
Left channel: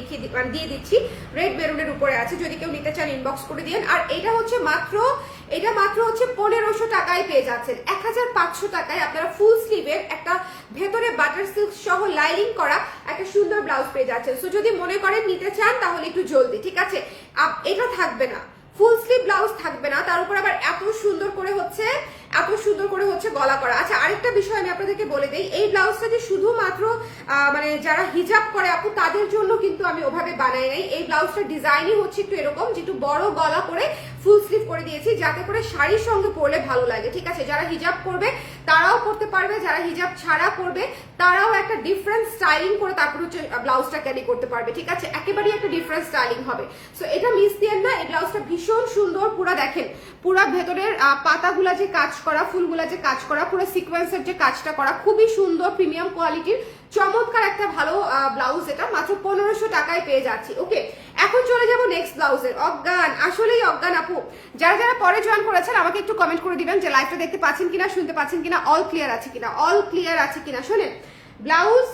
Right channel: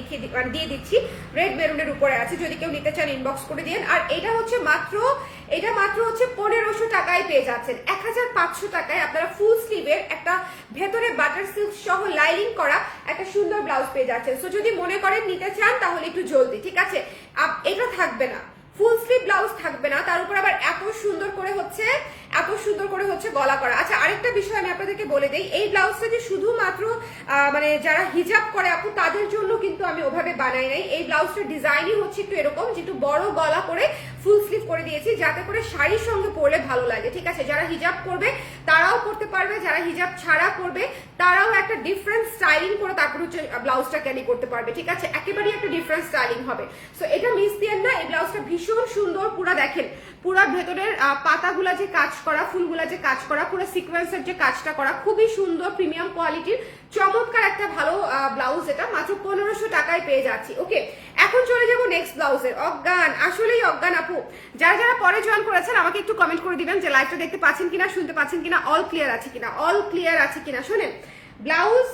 দিয়ে দিচ্ছি। রেড মেরুনের উপরে আছে, যদি কেউ নিতে চান ইনবক্স করে দিন। আর এটা মাত্র হচ্ছে 1500 টাকায় পেয়ে যাচ্ছেন। 1500 টাকায় আপনারা ফুল স্লিভের একটা ভেতরে বাটার সিল্ক সহ লাইনিং করা একটা সুন্দর ব্লাউজ পেয়ে যাচ্ছেন। সো যদি মনে করেন নিতে চান তাহলে একটু জলদি। ঠিক আছে, এটা থাকবে না, ফুল স্লিভ ব্লাউজ থাকবে না, তার উপর আবার এত সুন্দর করে হচ্ছে গলা করা। আচ্ছা, আরেকটা বিষয় আমি আপনাদেরকে বলে দেই, এই ব্লাউজটা যে শুধুমাত্র মানে যারা হিজাব করে আপু তাদের জন্য কিন্তু আমি ওভাবে বানাই নাই। এই ব্লাউজটা ডিজাইনই হচ্ছে একটু এরকম, যে একটু বড় গলা করে ফুল স্লিভ করে দিয়েছি, যাতে করে শাড়ির সঙ্গে পরলে ভালো লাগে। ঠিক আছে, যারা হিজাব করবে তারাও পরতে পারবে, যারা হিজাব ছাড়া করবে তারাও একটা ডিফারেন্ট স্টাইলিং করে তারপর হচ্ছে ব্লাউজটা ক্যারি করতে পারবে। ঠিক আছে, একেবারেই একটা ডিফারেন্ট স্টাইলিং হবে। সো এটা মিস দিয়েন না, এই ব্লাউজটা ভীষণ সুন্দর। পুরা দেখেন, পুরা ভেতরের পাতাগুলা যে কাজ করা, ফুলগুলা যে কাজ করা, পুরো সিকোয়েন্সের যে কাজটা করা, খুবই সুন্দর প্রিমিয়াম কোয়ালিটির চমৎকার একটা ভালো ব্লাউজ। এটা মাত্র 1500 টাকায় পেয়ে যাচ্ছি। ওকে, এখন চলে যাবো নেক্সট ব্লাউজের। অজ্ঞান, আসলেই অজ্ঞান আপু। যারা পরে জয়েন করেছেন আমাকে একটু কমেন্ট করে দিবেন যে লাইভটা দেখতে পাচ্ছেন কিনা, শুনতে পাচ্ছেন কিনা, অল ক্লিয়ার আছে কিনা। শোনেন, ব্লাউজ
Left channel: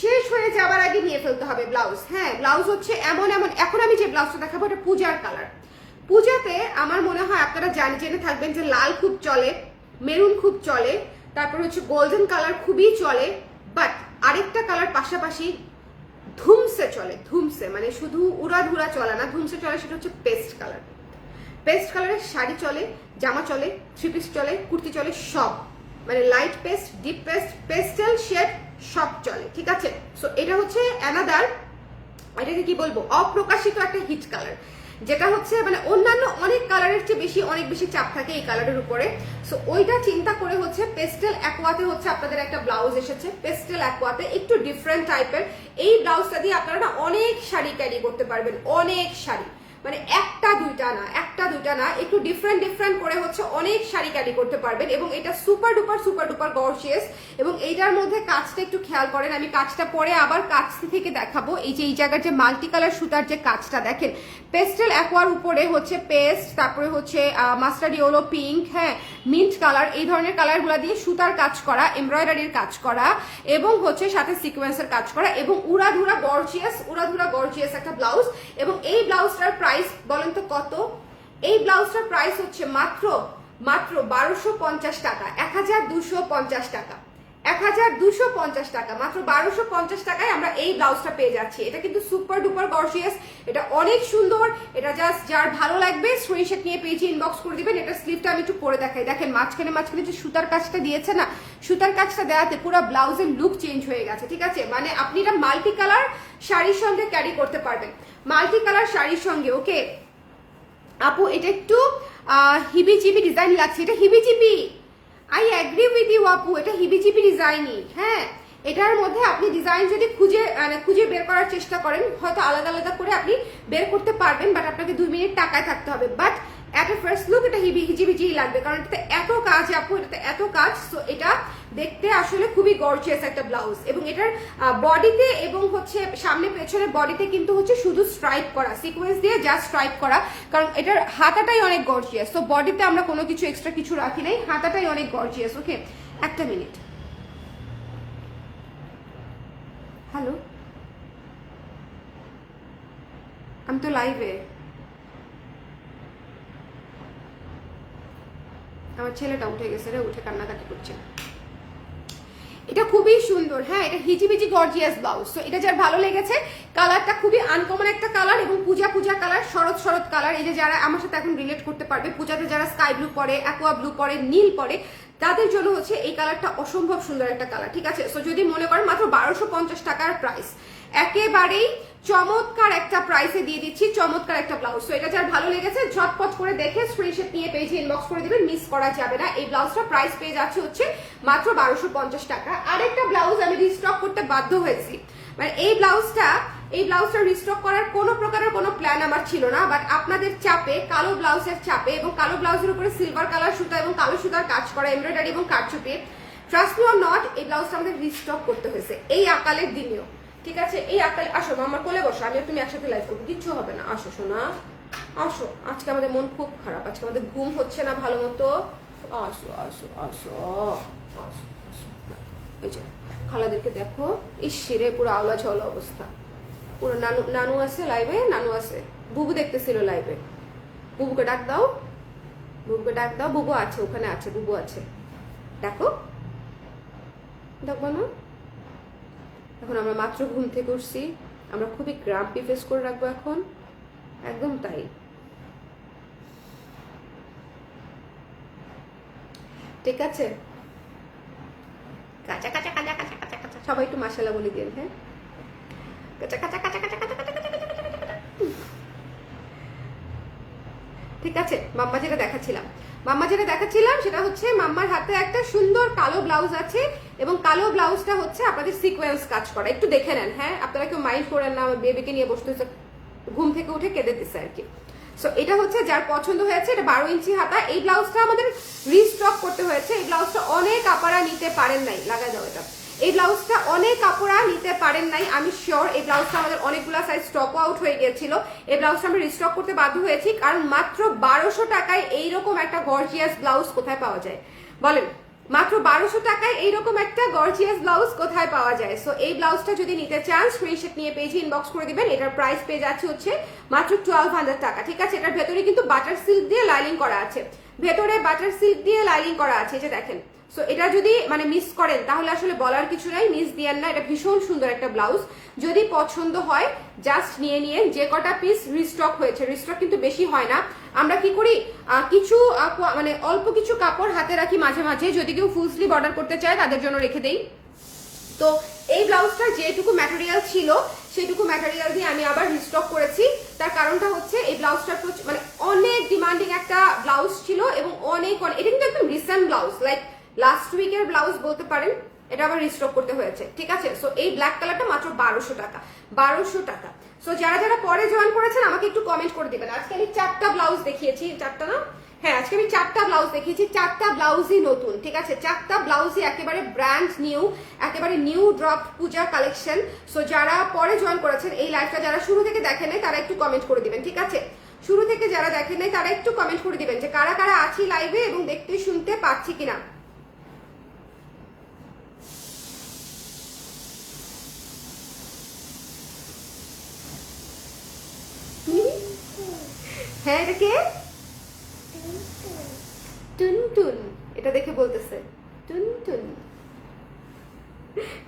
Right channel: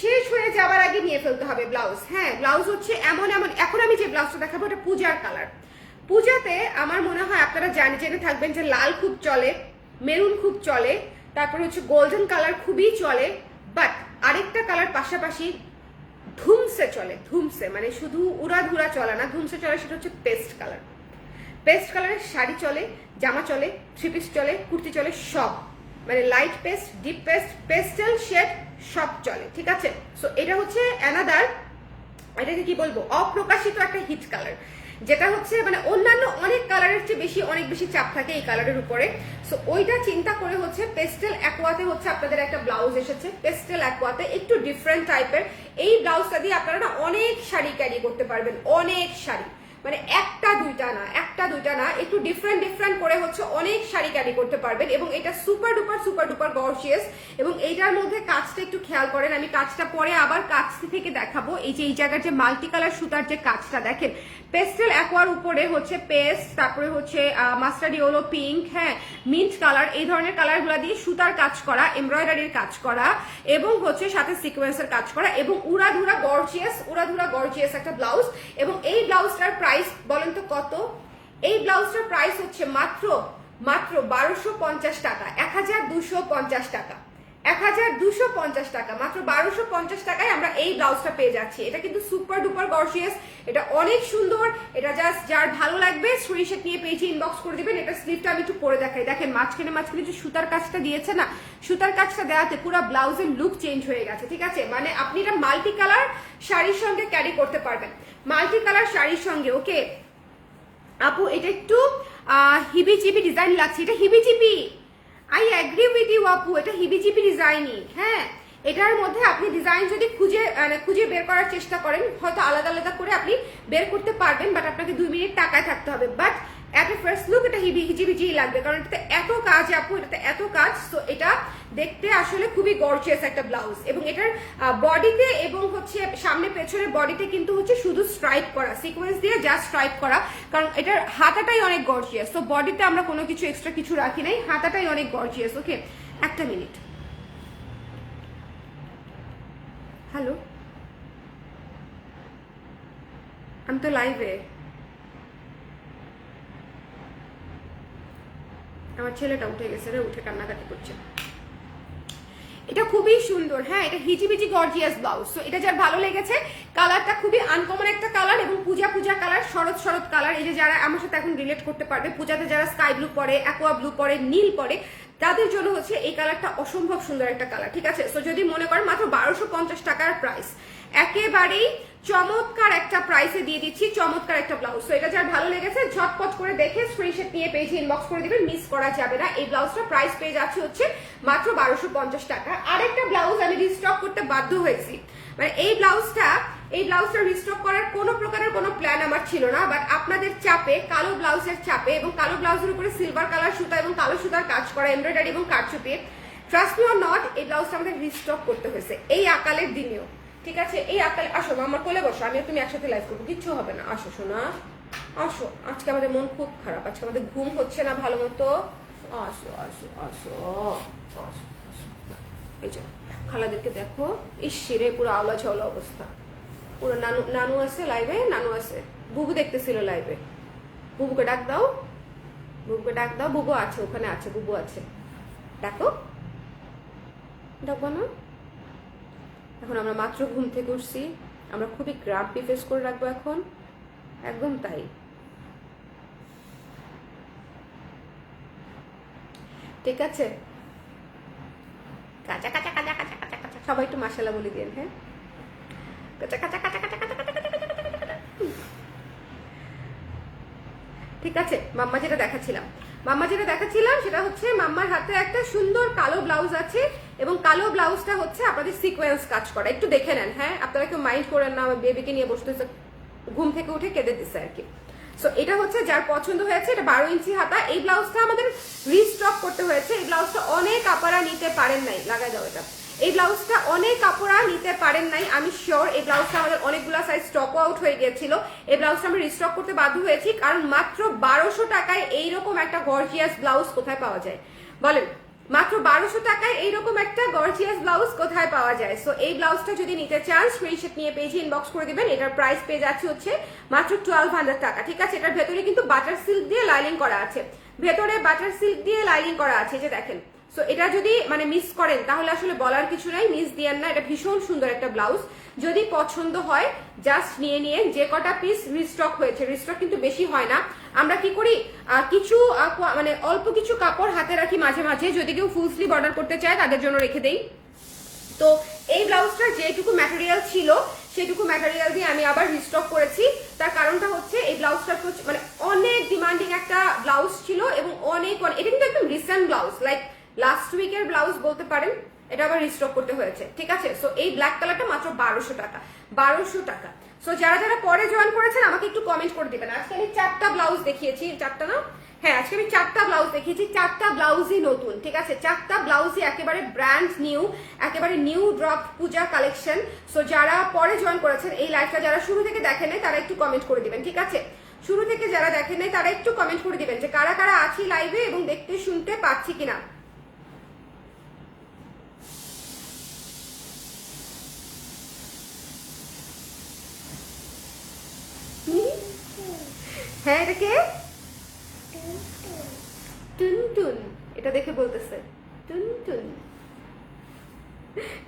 শেষ হয়ে যাবার আগে নিয়ে ফেলতে হবে ব্লাউজ। হ্যাঁ, ব্লাউজ হচ্ছে এমন এখন আমি যে ব্লাউজটা দেখাবো এটা পূজার কালার। পূজাতে আমার মনে হয় আপনারা জেনে থাকবেন যে লাল খুব চলে, মেরুন খুব চলে, তারপর হচ্ছে গোল্ডেন কালার খুবই চলে, বাট আরেকটা কালার পাশাপাশি ধুমসে চলে। ধুমসে মানে শুধু উড়াধুরা চলে না, ধুমসে চলে, সেটা হচ্ছে পেস্ট কালার। পেস্ট কালারের শাড়ি চলে, জামা চলে, থ্রি পিস চলে, কুর্তি চলে, সব মানে light paste, deep paste, pastel shade সব চলে। ঠিক আছে, সো এটা হচ্ছে অ্যানাদার, এটাকে কি বলবো, অপ্রকাশিত একটা হিট কালার, যেটা হচ্ছে মানে অন্যান্য অনেক কালারের চেয়ে অনেক বেশি চাপ থাকে এই কালারের উপরে। সো ওইটা চিন্তা করে হচ্ছে পেস্টেল অ্যাকোয়াতে হচ্ছে আপনাদের একটা ব্লাউজ এসেছে, পেস্টেল অ্যাকোয়াতে একটু ডিফারেন্ট টাইপের। এই ব্লাউজটা দিয়ে আপনারা না অনেক শাড়ি ক্যারি করতে পারবেন, অনেক শাড়ি, মানে একটা দুইটা না, একটু ডিফারেন্ট করে হচ্ছে অনেক শাড়ি ক্যারি করতে পারবেন। এবং এটা সুপার ডুপার গর্জিয়াস। এবং এইটার মধ্যে কাজটা একটু খেয়াল করেন, আমি কাজটা পরে আবার কাছ থেকে দেখাবো। এই যে এই জায়গার যে মাল্টি কালার সুতার যে কাজটা দেখেন, পেস্টেল অ্যাকোয়ার উপরে হচ্ছে পেস্ট, তারপরে হচ্ছে মাস্টার্ড ইয়েলো, পিঙ্ক, হ্যাঁ মিন্ট কালার, এই ধরনের কালারগুলা দিয়ে সুতার কাজ করা, এমব্রয়ডারির কাজ করা, এবং হচ্ছে সাথে সিকোয়েন্সের কাজ করা, এবং উড়াধুরা গর্জিয়াস একটা ব্লাউজ। এবং এই ব্লাউজটার প্রাইস বলেন তো কত? এই ব্লাউজটার প্রাইস হচ্ছে মাত্র 1250 টাকা, 1250 টাকা, 1250 টাকা, মাত্র 1250 টাকায় আমরা এই ব্লাউজটা পেয়ে যাচ্ছি। এটা কিন্তু সুপার ডুপার গর্জিয়াস, এটা অনেক সুন্দর। এটা জাস্ট যার ভালো লাগবে স্ক্রিনশট নিয়ে পেজে ইনবক্স করে দিবেন। এটা স্লিভটা আমি একটু পরে দেখাই, দেখেন মাঝখানে যে সুতার কাজটা দিয়েছে না, সুতার কাজটা দেওয়াতে পুরো ব্লাউজের লুক চেঞ্জ হয়ে গেছে। ঠিক আছে, মানে আপনি এটা মাল্টি কালার শাড়ির সঙ্গে ক্যারি করতে পারবেন, মাল্টি কালার শাড়ির সঙ্গে। ওকে আপু, এটা একটু হিবিজিবি ডিজাইন লাগছে, এটা হিবিজিবি, আই এগ্রি উইথ ইউ আপু, এটা হিবিজিবি ডিজাইনই। হ্যাঁ, এটার মধ্যে আপনি ডিজাইন যদি খুঁজে বের করার চেষ্টা করেন, হয়তো আলাদা আলাদা করে আপনি বের করতে পারবেন, বাট আপনাকে 2 মিনিট তাকায় থাকতে হবে। But at A first look এটা হিজিবিজি লাগবে, কারণ এটাতে এত কাজ আপু, এটাতে এত কাজ। সো এটা দেখতে আসলে খুবই গর্জিয়াস একটা ব্লাউজ, এবং এটার বডিতে এবং হচ্ছে সামনে পেছনের বডিতে কিন্তু হচ্ছে শুধু স্ট্রাইপ করা, সিকোয়েন্স দিয়ে জাস্ট স্ট্রাইপ করা, কারণ এটার হাতাটাই অনেক গর্জিয়াস। তো বডিতে আমরা কোনো কিছু এক্সট্রা কিছু রাখি নাই, হাতাটাই অনেক গর্জিয়াস। ওকে, একটা মিনিট। হ্যালো, আমি তো লাইভে। আমার ছেলেটা উঠে গেছে রে, উঠে কান্নাকাটি করছে। এটা খুবই সুন্দর, হ্যাঁ, এটা হিজিবিজি গর্জিয়াস ব্লাউজ। তো এটা যার ভালো লেগেছে, কালারটা খুবই আনকমন একটা কালার, এবং পূজা কালার, শরৎ কালার। এই যে যারা আমার সাথে এখন রিলেট করতে পারবে, পূজাতে যারা স্কাই ব্লু পরে, অ্যাকোয়া ব্লু পরে, নীল পরে, তাদের জন্য হচ্ছে এই কালারটা অসম্ভব সুন্দর একটা কালার, ঠিক আছে। সো যদি মনে করেন মাত্র 1250 টাকার প্রাইস, একেবারেই চমৎকার একটা প্রাইসে দিয়ে দিচ্ছি, চমৎকার একটা ব্লাউজ। তো এটা যার ভালো লেগেছে ঝটপট করে দেখে স্ক্রিনশট নিয়ে পেজে ইনবক্স করে দিবেন, মিস করা যাবে না। এই ব্লাউজটা প্রাইস পেয়ে যাচ্ছে হচ্ছে মাত্র 1250 টাকা। আরেকটা ব্লাউজ আমি রিস্টক করতে বাধ্য হয়েছি, মানে এই ব্লাউজটা রিস্টক করার কোনো প্রকারের কোনো প্ল্যান আমার ছিল না, বাট আপনাদের চাপে, কালো ব্লাউজের চাপে, এবং কালো ব্লাউজের উপরে সিলভার কালার সুতা এবং কালো সুতার কাজ করা এমব্রয়ডারি এবং কারচুপি, ট্রাস্ট মি অর নট, এই ব্লাউজটা আমাদের রিস্টক করতে হয়েছে এই আকালের দিনেও, ঠিক আছে। এই আকাল, আসো আমার কোলে বসো, আমি তুমি একসাথে লাইভ করবো, কিচ্ছু হবে না, আসো সোনা আসো। আজকে আমাদের মন খুব খারাপ, আজকে আমাদের ঘুম হচ্ছে না ভালো মতো। আসো আসো আসো আসো আসো। ওই যে খালাদেরকে দেখো, ইসিরে পুরো আওলা ঝাওলা অবস্থা, পুরো নানু আছে লাইভে, নানু আছে, বুবু দেখতেছিল লাইভে। বুবুকে ডাক দাও, বুবুকে ডাক দাও, বুবু আছে ওখানে, আছে বুবু আছে, দেখো দেখবো না। এখন আমরা মাত্র ঘুম থেকে উঠছি, আমরা খুবই গ্রাম্পি ফেস করে রাখবো এখন, একদম তাই। ঠিক আছে, কাঁচা কাঁচা কাঁচা কাঁচা কাঁচা কাঁচা, সবাই একটু মাশাআল্লাহ বলে দিন, হ্যাঁ, কাঁচা কাঁচা কাঁচা কাঁচা কাঁচা কাঁচা কাঁচা কাঁচা। ঠিক আছে, মাম্মা যেটা দেখাচ্ছিলাম সেটা হচ্ছে মাম্মার হাতে একটা সুন্দর কালো ব্লাউজ আছে, এবং কালো ব্লাউজটা হচ্ছে আপনাদের সিকোয়েন্স কাজ করা, একটু দেখে নেন, হ্যাঁ, আপনারা কেউ মাইন্ড করেন না, আমার বেবিকে নিয়ে বসতে ঘুম থেকে উঠে কেঁদে দিচ্ছে আর কি। সো এটা হচ্ছে যার পছন্দ হয়েছে, এটা 12 ইঞ্চি হাতা। এই ব্লাউজটা আমাদের রিস্টক করতে হয়েছে, এই ব্লাউজটা অনেক আপনারা নিতে পারেন নাই, লাগা যাও এটা, এই ব্লাউজটা অনেক কাপড়া নিতে পারেন নাই, আমি শিওর। এই ব্লাউজটা আমাদের অনেকগুলো সাইজ স্টক আউট হয়ে গিয়েছিল, এই ব্লাউজটা আমরা রিস্টক করতে বাধ্য হয়েছি, কারণ মাত্র 1200 টাকায় এইরকম একটা গর্জিয়াস ব্লাউজ কোথায় পাওয়া যায় বলেন? মাত্র 1200 টাকায় এইরকম একটা গর্জিয়াস ব্লাউজ কোথায় পাওয়া যায়? সো এই ব্লাউজটা যদি নিতে চান স্ক্রিনশট নিয়ে পেজে ইনবক্স করে দিবেন। এটার প্রাইস পেয়ে যাচ্ছে হচ্ছে মাত্র 1200 টাকা, ঠিক আছে। এটার ভেতরে কিন্তু বাটার সিল্ক দিয়ে লাইনিং করা আছে, ভেতরে বাটার সিল্ক দিয়ে লাইনিং করা আছে, যে দেখেন। সো এটা যদি মানে মিস করেন তাহলে আসলে বলার কিছু নাই, মিস দিয়েন না, এটা ভীষণ সুন্দর একটা ব্লাউজ। যদি পছন্দ হয় জাস্ট নিয়ে নিয়ে, যে কটা পিস রিস্টক হয়েছে, রিস্টক কিন্তু বেশি হয় না, আমরা কি করি কিছু মানে অল্প কিছু কাপড় হাতে রাখি মাঝে মাঝে, যদি কেউ ফুল স্লিভ অর্ডার করতে চায় তাদের জন্য রেখে দেই। তো এই ব্লাউজটার যেটুকু ম্যাটেরিয়াল ছিল সেটুকু ম্যাটেরিয়াল দিয়ে আমি আবার রিস্টক করেছি। তার কারণটা হচ্ছে এই ব্লাউজটা মানে অনেক ডিমান্ডিং একটা ব্লাউজ ছিল, এবং এটা কিন্তু একদম রিসেন্ট ব্লাউজ, লাইক লাস্ট উইকের ব্লাউজ বলতে পারেন, এটা আবার রিস্টক করতে হয়েছে, ঠিক আছে। সো এই ব্ল্যাক কালারটা মাত্র 1200 টাকা, 1200 টাকা। সো যারা যারা পরে জয়েন করেছেন আমাকে একটু কমেন্ট করে দিবেন। আজকে আমি 4টা ব্লাউজ দেখিয়েছি, 4টা না, হ্যাঁ আজকে আমি 4টা ব্লাউজ দেখিয়েছি, 4টা ব্লাউজই নতুন, ঠিক আছে, 4টা ব্লাউজই একেবারে ব্র্যান্ড নিউ, একেবারে নিউ ড্রপ পূজার কালেকশন। সো যারা পরে জয়েন করেছেন এই লাইভটা, যারা শুরু থেকে দেখেন নাই তারা একটু কমেন্ট করে দিবেন, ঠিক আছে। শুরু থেকে যারা দেখেন নাই তারা একটু কমেন্ট করে দিবেন যে কারা কারা আছি লাইভে এবং দেখতে শুনতে পাচ্ছি কিনা। হ্যাঁ এটা কে? টুনটুন, এটা দেখে বলতেছে টুনটুন।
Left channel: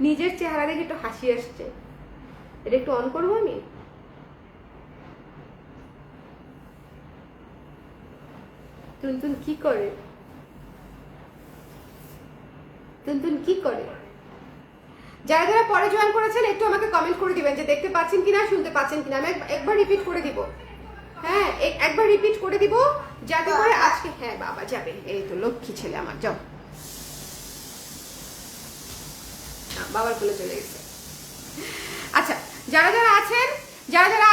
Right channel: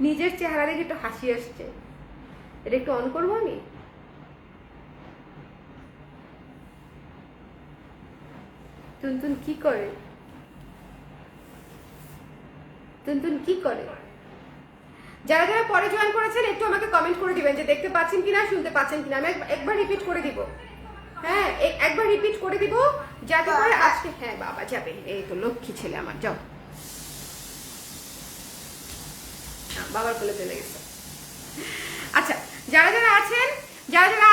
নিজের চেহারা দেখে একটু হাসি আসছে, এটা একটু অন করবো নি। টুনটুন কি করে? টুনটুন কি করে? যারা যারা পরে জয়েন করেছেন একটু আমাকে কমেন্ট করে দিবেন যে দেখতে পাচ্ছেন কিনা, শুনতে পাচ্ছেন কিনা। আমি একবার রিপিট করে দিব, হ্যাঁ একবার রিপিট করে দিব যাতে করে আজকে, হ্যাঁ বাবা যাবে, এই তো লক্ষ্মী ছেলে আমার, যাও বাবার কোলে চলে গেছে। আচ্ছা, যারা যারা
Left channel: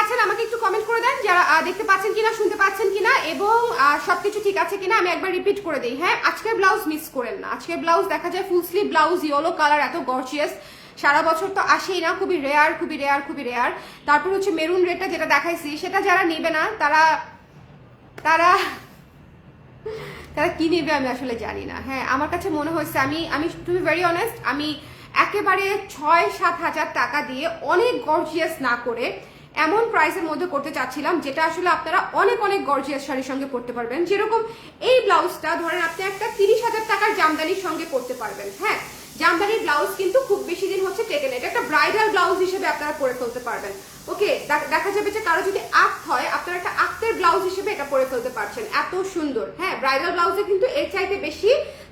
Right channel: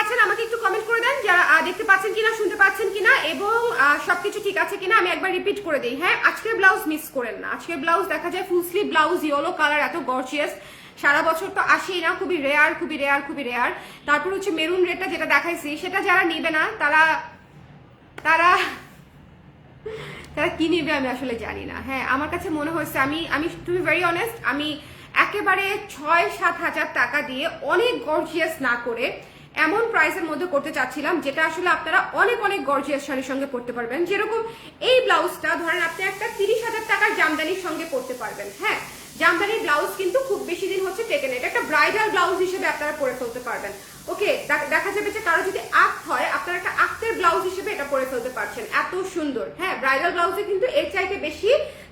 আছেন আমাকে একটু কমেন্ট করে দেন, যারা দেখতে পাচ্ছেন কিনা, শুনতে পাচ্ছেন কিনা, এবং সবকিছু ঠিক আছে কিনা। আমি একবার রিপিট করে দিই, হ্যাঁ, আজকের ব্লাউজ মিস করেন না। আজকের ব্লাউজ দেখা যায় full sleeve blouse, yellow colour, এত গর্জিয়াস, সারা বছর তো আসেই না, খুবই রেয়ার, খুবই রেয়ার, খুবই রেয়ার। তারপর হচ্ছে মেরুন রেডটা যেটা দেখাইছি, সেটা যারা নিবে না তারা তারা তারা কি নিবে আমি আসলে জানি না। হ্যাঁ, আমার কাছে মনে হয়েছে, আমি টু বি ভেরি অনেস্ট, আমি একেবারে 6-7 হাজার টাকা দিয়ে অনেক গর্জিয়াস না করে এমন প্রাইসের মধ্যে করতে চাচ্ছিলাম যেটা আসলে আপনারা অনেক অনেক গর্জিয়াস শাড়ির সঙ্গে পরতে পারবেন। যেরকম এই ব্লাউজটা ধরেন আপনি একটা 30,000 টাকার জামদানির সঙ্গে পরতে পারবেন। হ্যাঁ, জামদানির ব্লাউজ কিন্তু খুব বেশি দিন হচ্ছে কেটে নেয়, এটা একটা ব্রাইডাল ব্লাউজ হিসেবে আপনারা পরে ফেলতে পারবেন। ওকে, দেখা যাবে যে কারো যদি আক্ত হয়, আপনারা একটা আক্তের ব্লাউজ হিসেবে এটা পরে ফেলতে পারছেন, এত সুন্দর। হ্যাঁ, ব্রাইডাল ব্লাউজে কিন্তু এর চাইতে বেশি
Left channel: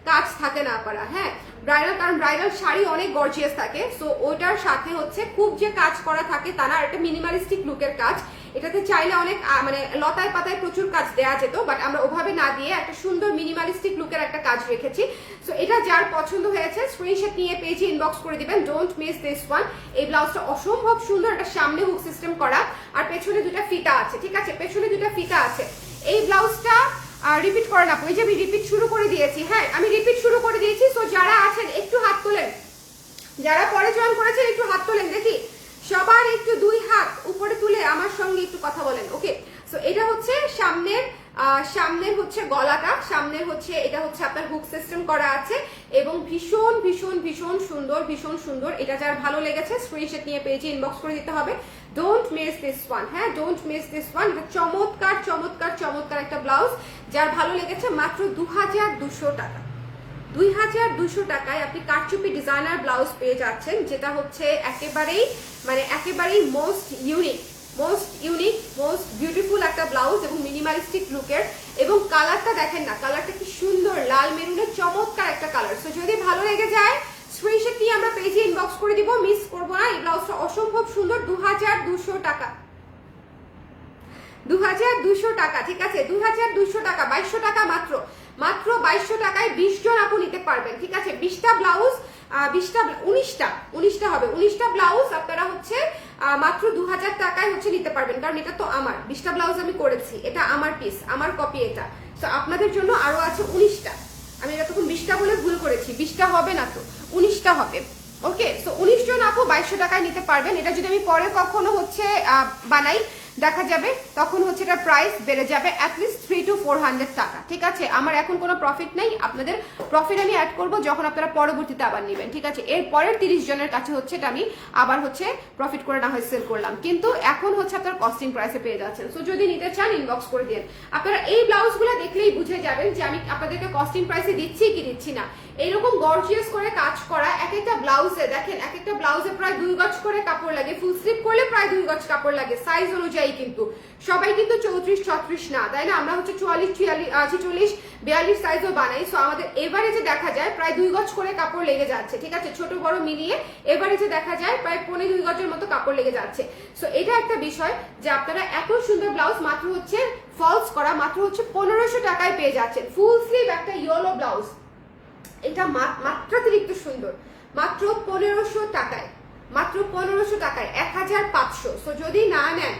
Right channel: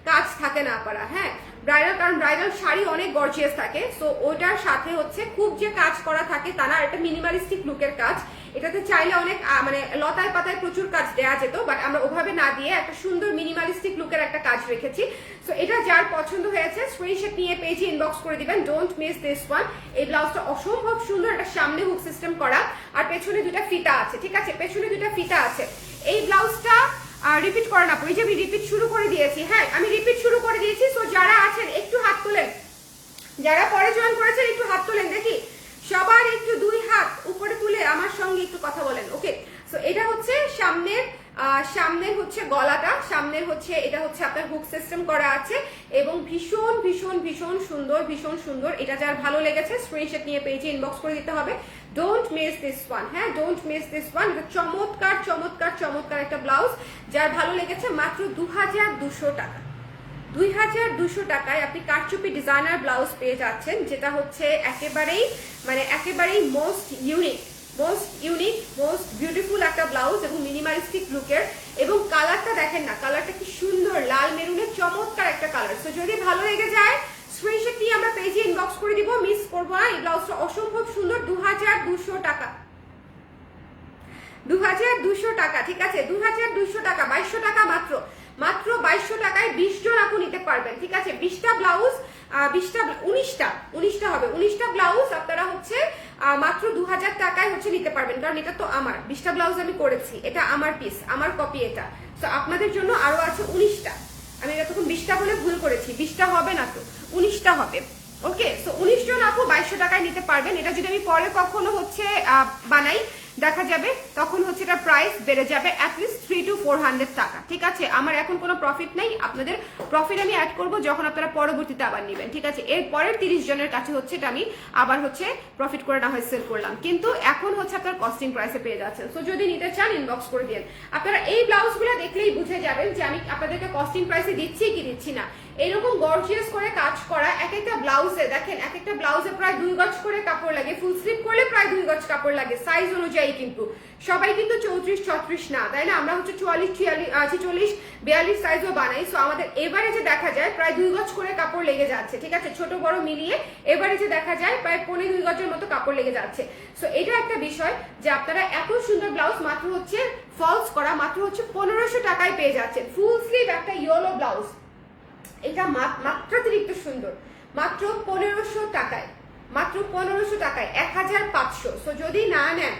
কাজ থাকে না করা। হ্যাঁ, ব্রাইডাল, কারণ ব্রাইডাল শাড়ি অনেক গর্জিয়াস থাকে, সো ওটার সাথে হচ্ছে খুব যে কাজ করা থাকে তা না, এটা মিনিমালিস্টিক লুকের কাজ। এটাতে চাইলে অনেক মানে লতায় পাতায় প্রচুর কাজ দেওয়া যেত, বাট আমরা ওভাবে না দিয়ে একটা সুন্দর মিনিমালিস্টিক লুকের একটা কাজ রেখেছি। সো এটা যার পছন্দ হয়েছে স্ক্রিনশট নিয়ে পেজে ইনবক্স করে দিবেন, ডোন্ট মিস দিস ওয়ান। এই ব্লাউজটা অসম্ভব সুন্দর, এটা সামনে হুক সিস্টেম করা আর পেছনে দুটা ফিতা আছে, ঠিক আছে, পেছনে দুটা ফিতা আছে। এই ব্লাউজটা রিপিট করে না, ওই যে আমি রিপিট শুরু করে দিয়েছি। হ্যাঁ, আমি রিপিট শুরু করে দিয়েছি। সো যারা আছেন একটু হাত তোলেন, যারা পরে জয়েন করেছেন একটু হাত তোলেন, দেখি সবার একটু 2 হাত উপরে তুলে আমার সঙ্গে একটু কথা বলেন। ওকে, সো এটা হচ্ছে সামনের হচ্ছে গলাটা, সামনের হচ্ছে এটা হচ্ছে আপনার হুক সিস্টেম করা আছে এবং ভীষণ ভীষণ ভীষণ সুন্দর, ভীষণ সুন্দর। এটা যার ভালো লেগেছে স্ক্রিনশট নিয়ে পেজে ইনবক্স করে দিতে হবে, ডোন্ট মিস দিস ওয়ান। হ্যাঁ, ডোন্ট মিস দিস ওয়ান। এটা চমৎকার চমৎকার চমৎকার একটা ব্লাউজ, যার ভালো লেগেছে মাত্র 2200 টাকা। 2200 টাকায় আপনি কারচুপি ডিজাইনার ব্লাউজ পেয়ে যাচ্ছেন, যেটা হচ্ছে একেবারেই মোস্ট ইউনিক, মোস্ট বিউটিফুল একটা ব্লাউজ এবং মিনিমালিস্টিক লুকের। এবং কালারটা দেখেন না, কালারটা কি সুন্দর, লাল মেরুনের চমৎকার একটা কালার। তো যদি ভালো লেগে যায় স্ক্রিনশট নিয়ে আমরা পেজে ইনবক্স করে দিব, মিস করবো না। এই ব্লাউজটা অসম্ভব সুন্দর, 2200 টাকা, 2200 টাকা, ঠিক আছে, 2200 টাকা, 2200 টাকা মাত্র 2200 টাকায় 20 জন আপু নিতে পারবেন, ঠিক আছে। 20টা ব্লাউজ, 19টা হবে, 19টা ব্লাউজ আপনারা হচ্ছে মাত্র 2000 টাকায় হচ্ছে নিতে পারবেন, কারণ এটা তো আমার 20টা ব্লাউজ আমি করেছি, এটা আমার পিস, আমার কপি এটা। তো আপনাদের জন্য আরো আছে 19টা, আমি এটা তখন 20টা বলে ভুল করেছি, 20টা হবে না তো 19টা হবে। ওকে, সো 19 জন আপু 2200 টাকায় নিতে পারবেন। এটা যদি আমি পরে কখনো হচ্ছে বানাই দেখা যাবে, তখন হচ্ছে এটা প্রাইস বেড়ে যাবে অ্যাটলিস্ট 300 to 400 টাকা, ঠিক আছে। আমার এখন কোনো প্রফিট নেই, আপনাদের প্রফিট আমি অ্যাড করব যখন আপনারা পরবর্তীতে আবার নেবেন, ঠিক আছে। এর পরের 30 জনের কাছে হচ্ছে এটা আমি আবার হচ্ছে প্রফিট করে না হয় সেল করলাম, কিন্তু এখন হচ্ছে আপনার কস্টিং প্রাইসে পেয়ে যাচ্ছেন। সো যদি নিতে চান ইনবক্স করে দিন। আপনারা এই ব্লাউজগুলো দেখলেই বুঝে যাবেন যে আমি আপনাদেরকে কস্টিং প্রাইসে দিচ্ছি কি দিচ্ছি না। এরকম গর্জিয়াস করে কাজ করা এক একটা ব্লাউজে দেখেন, এক একটা ব্লাউজে প্রায় 2 গজ করে কাপড় লাগে, ফুল স্লিভ করলে প্রায় 2 গজ কাপড় লাগে সাইজ অনুযায়ী। কিন্তু সবাই কিন্তু 34-36 না, তাই না, আমরা হচ্ছে 44-46-42 সাইজও বানাই। সো আমাদের এভারেজে দেখা যায় প্রায় 2 গজ করে কাপড় লেগে যাচ্ছে, ঠিক আছে, ছোট বড় মিলিয়ে এভারেজে দেখা যায় প্রায় 2.25 গজের মতো কাপড় লেগে যাচ্ছে। সো এটা একটা বিষয় যে আপনারা এত সুন্দর ব্লাউজ মাত্র হচ্ছে ফলস করা মাত্র হচ্ছে 1500 টাকায় পেয়ে যাচ্ছেন। ফুল স্লিভ একটা ইয়েলো ব্লাউজ, এটা মাত্রাতিরিক্ত সুন্দর, মাত্র 1500 টাকায়, মাত্র 1500 টাকায় 1500। সো যদি না নেন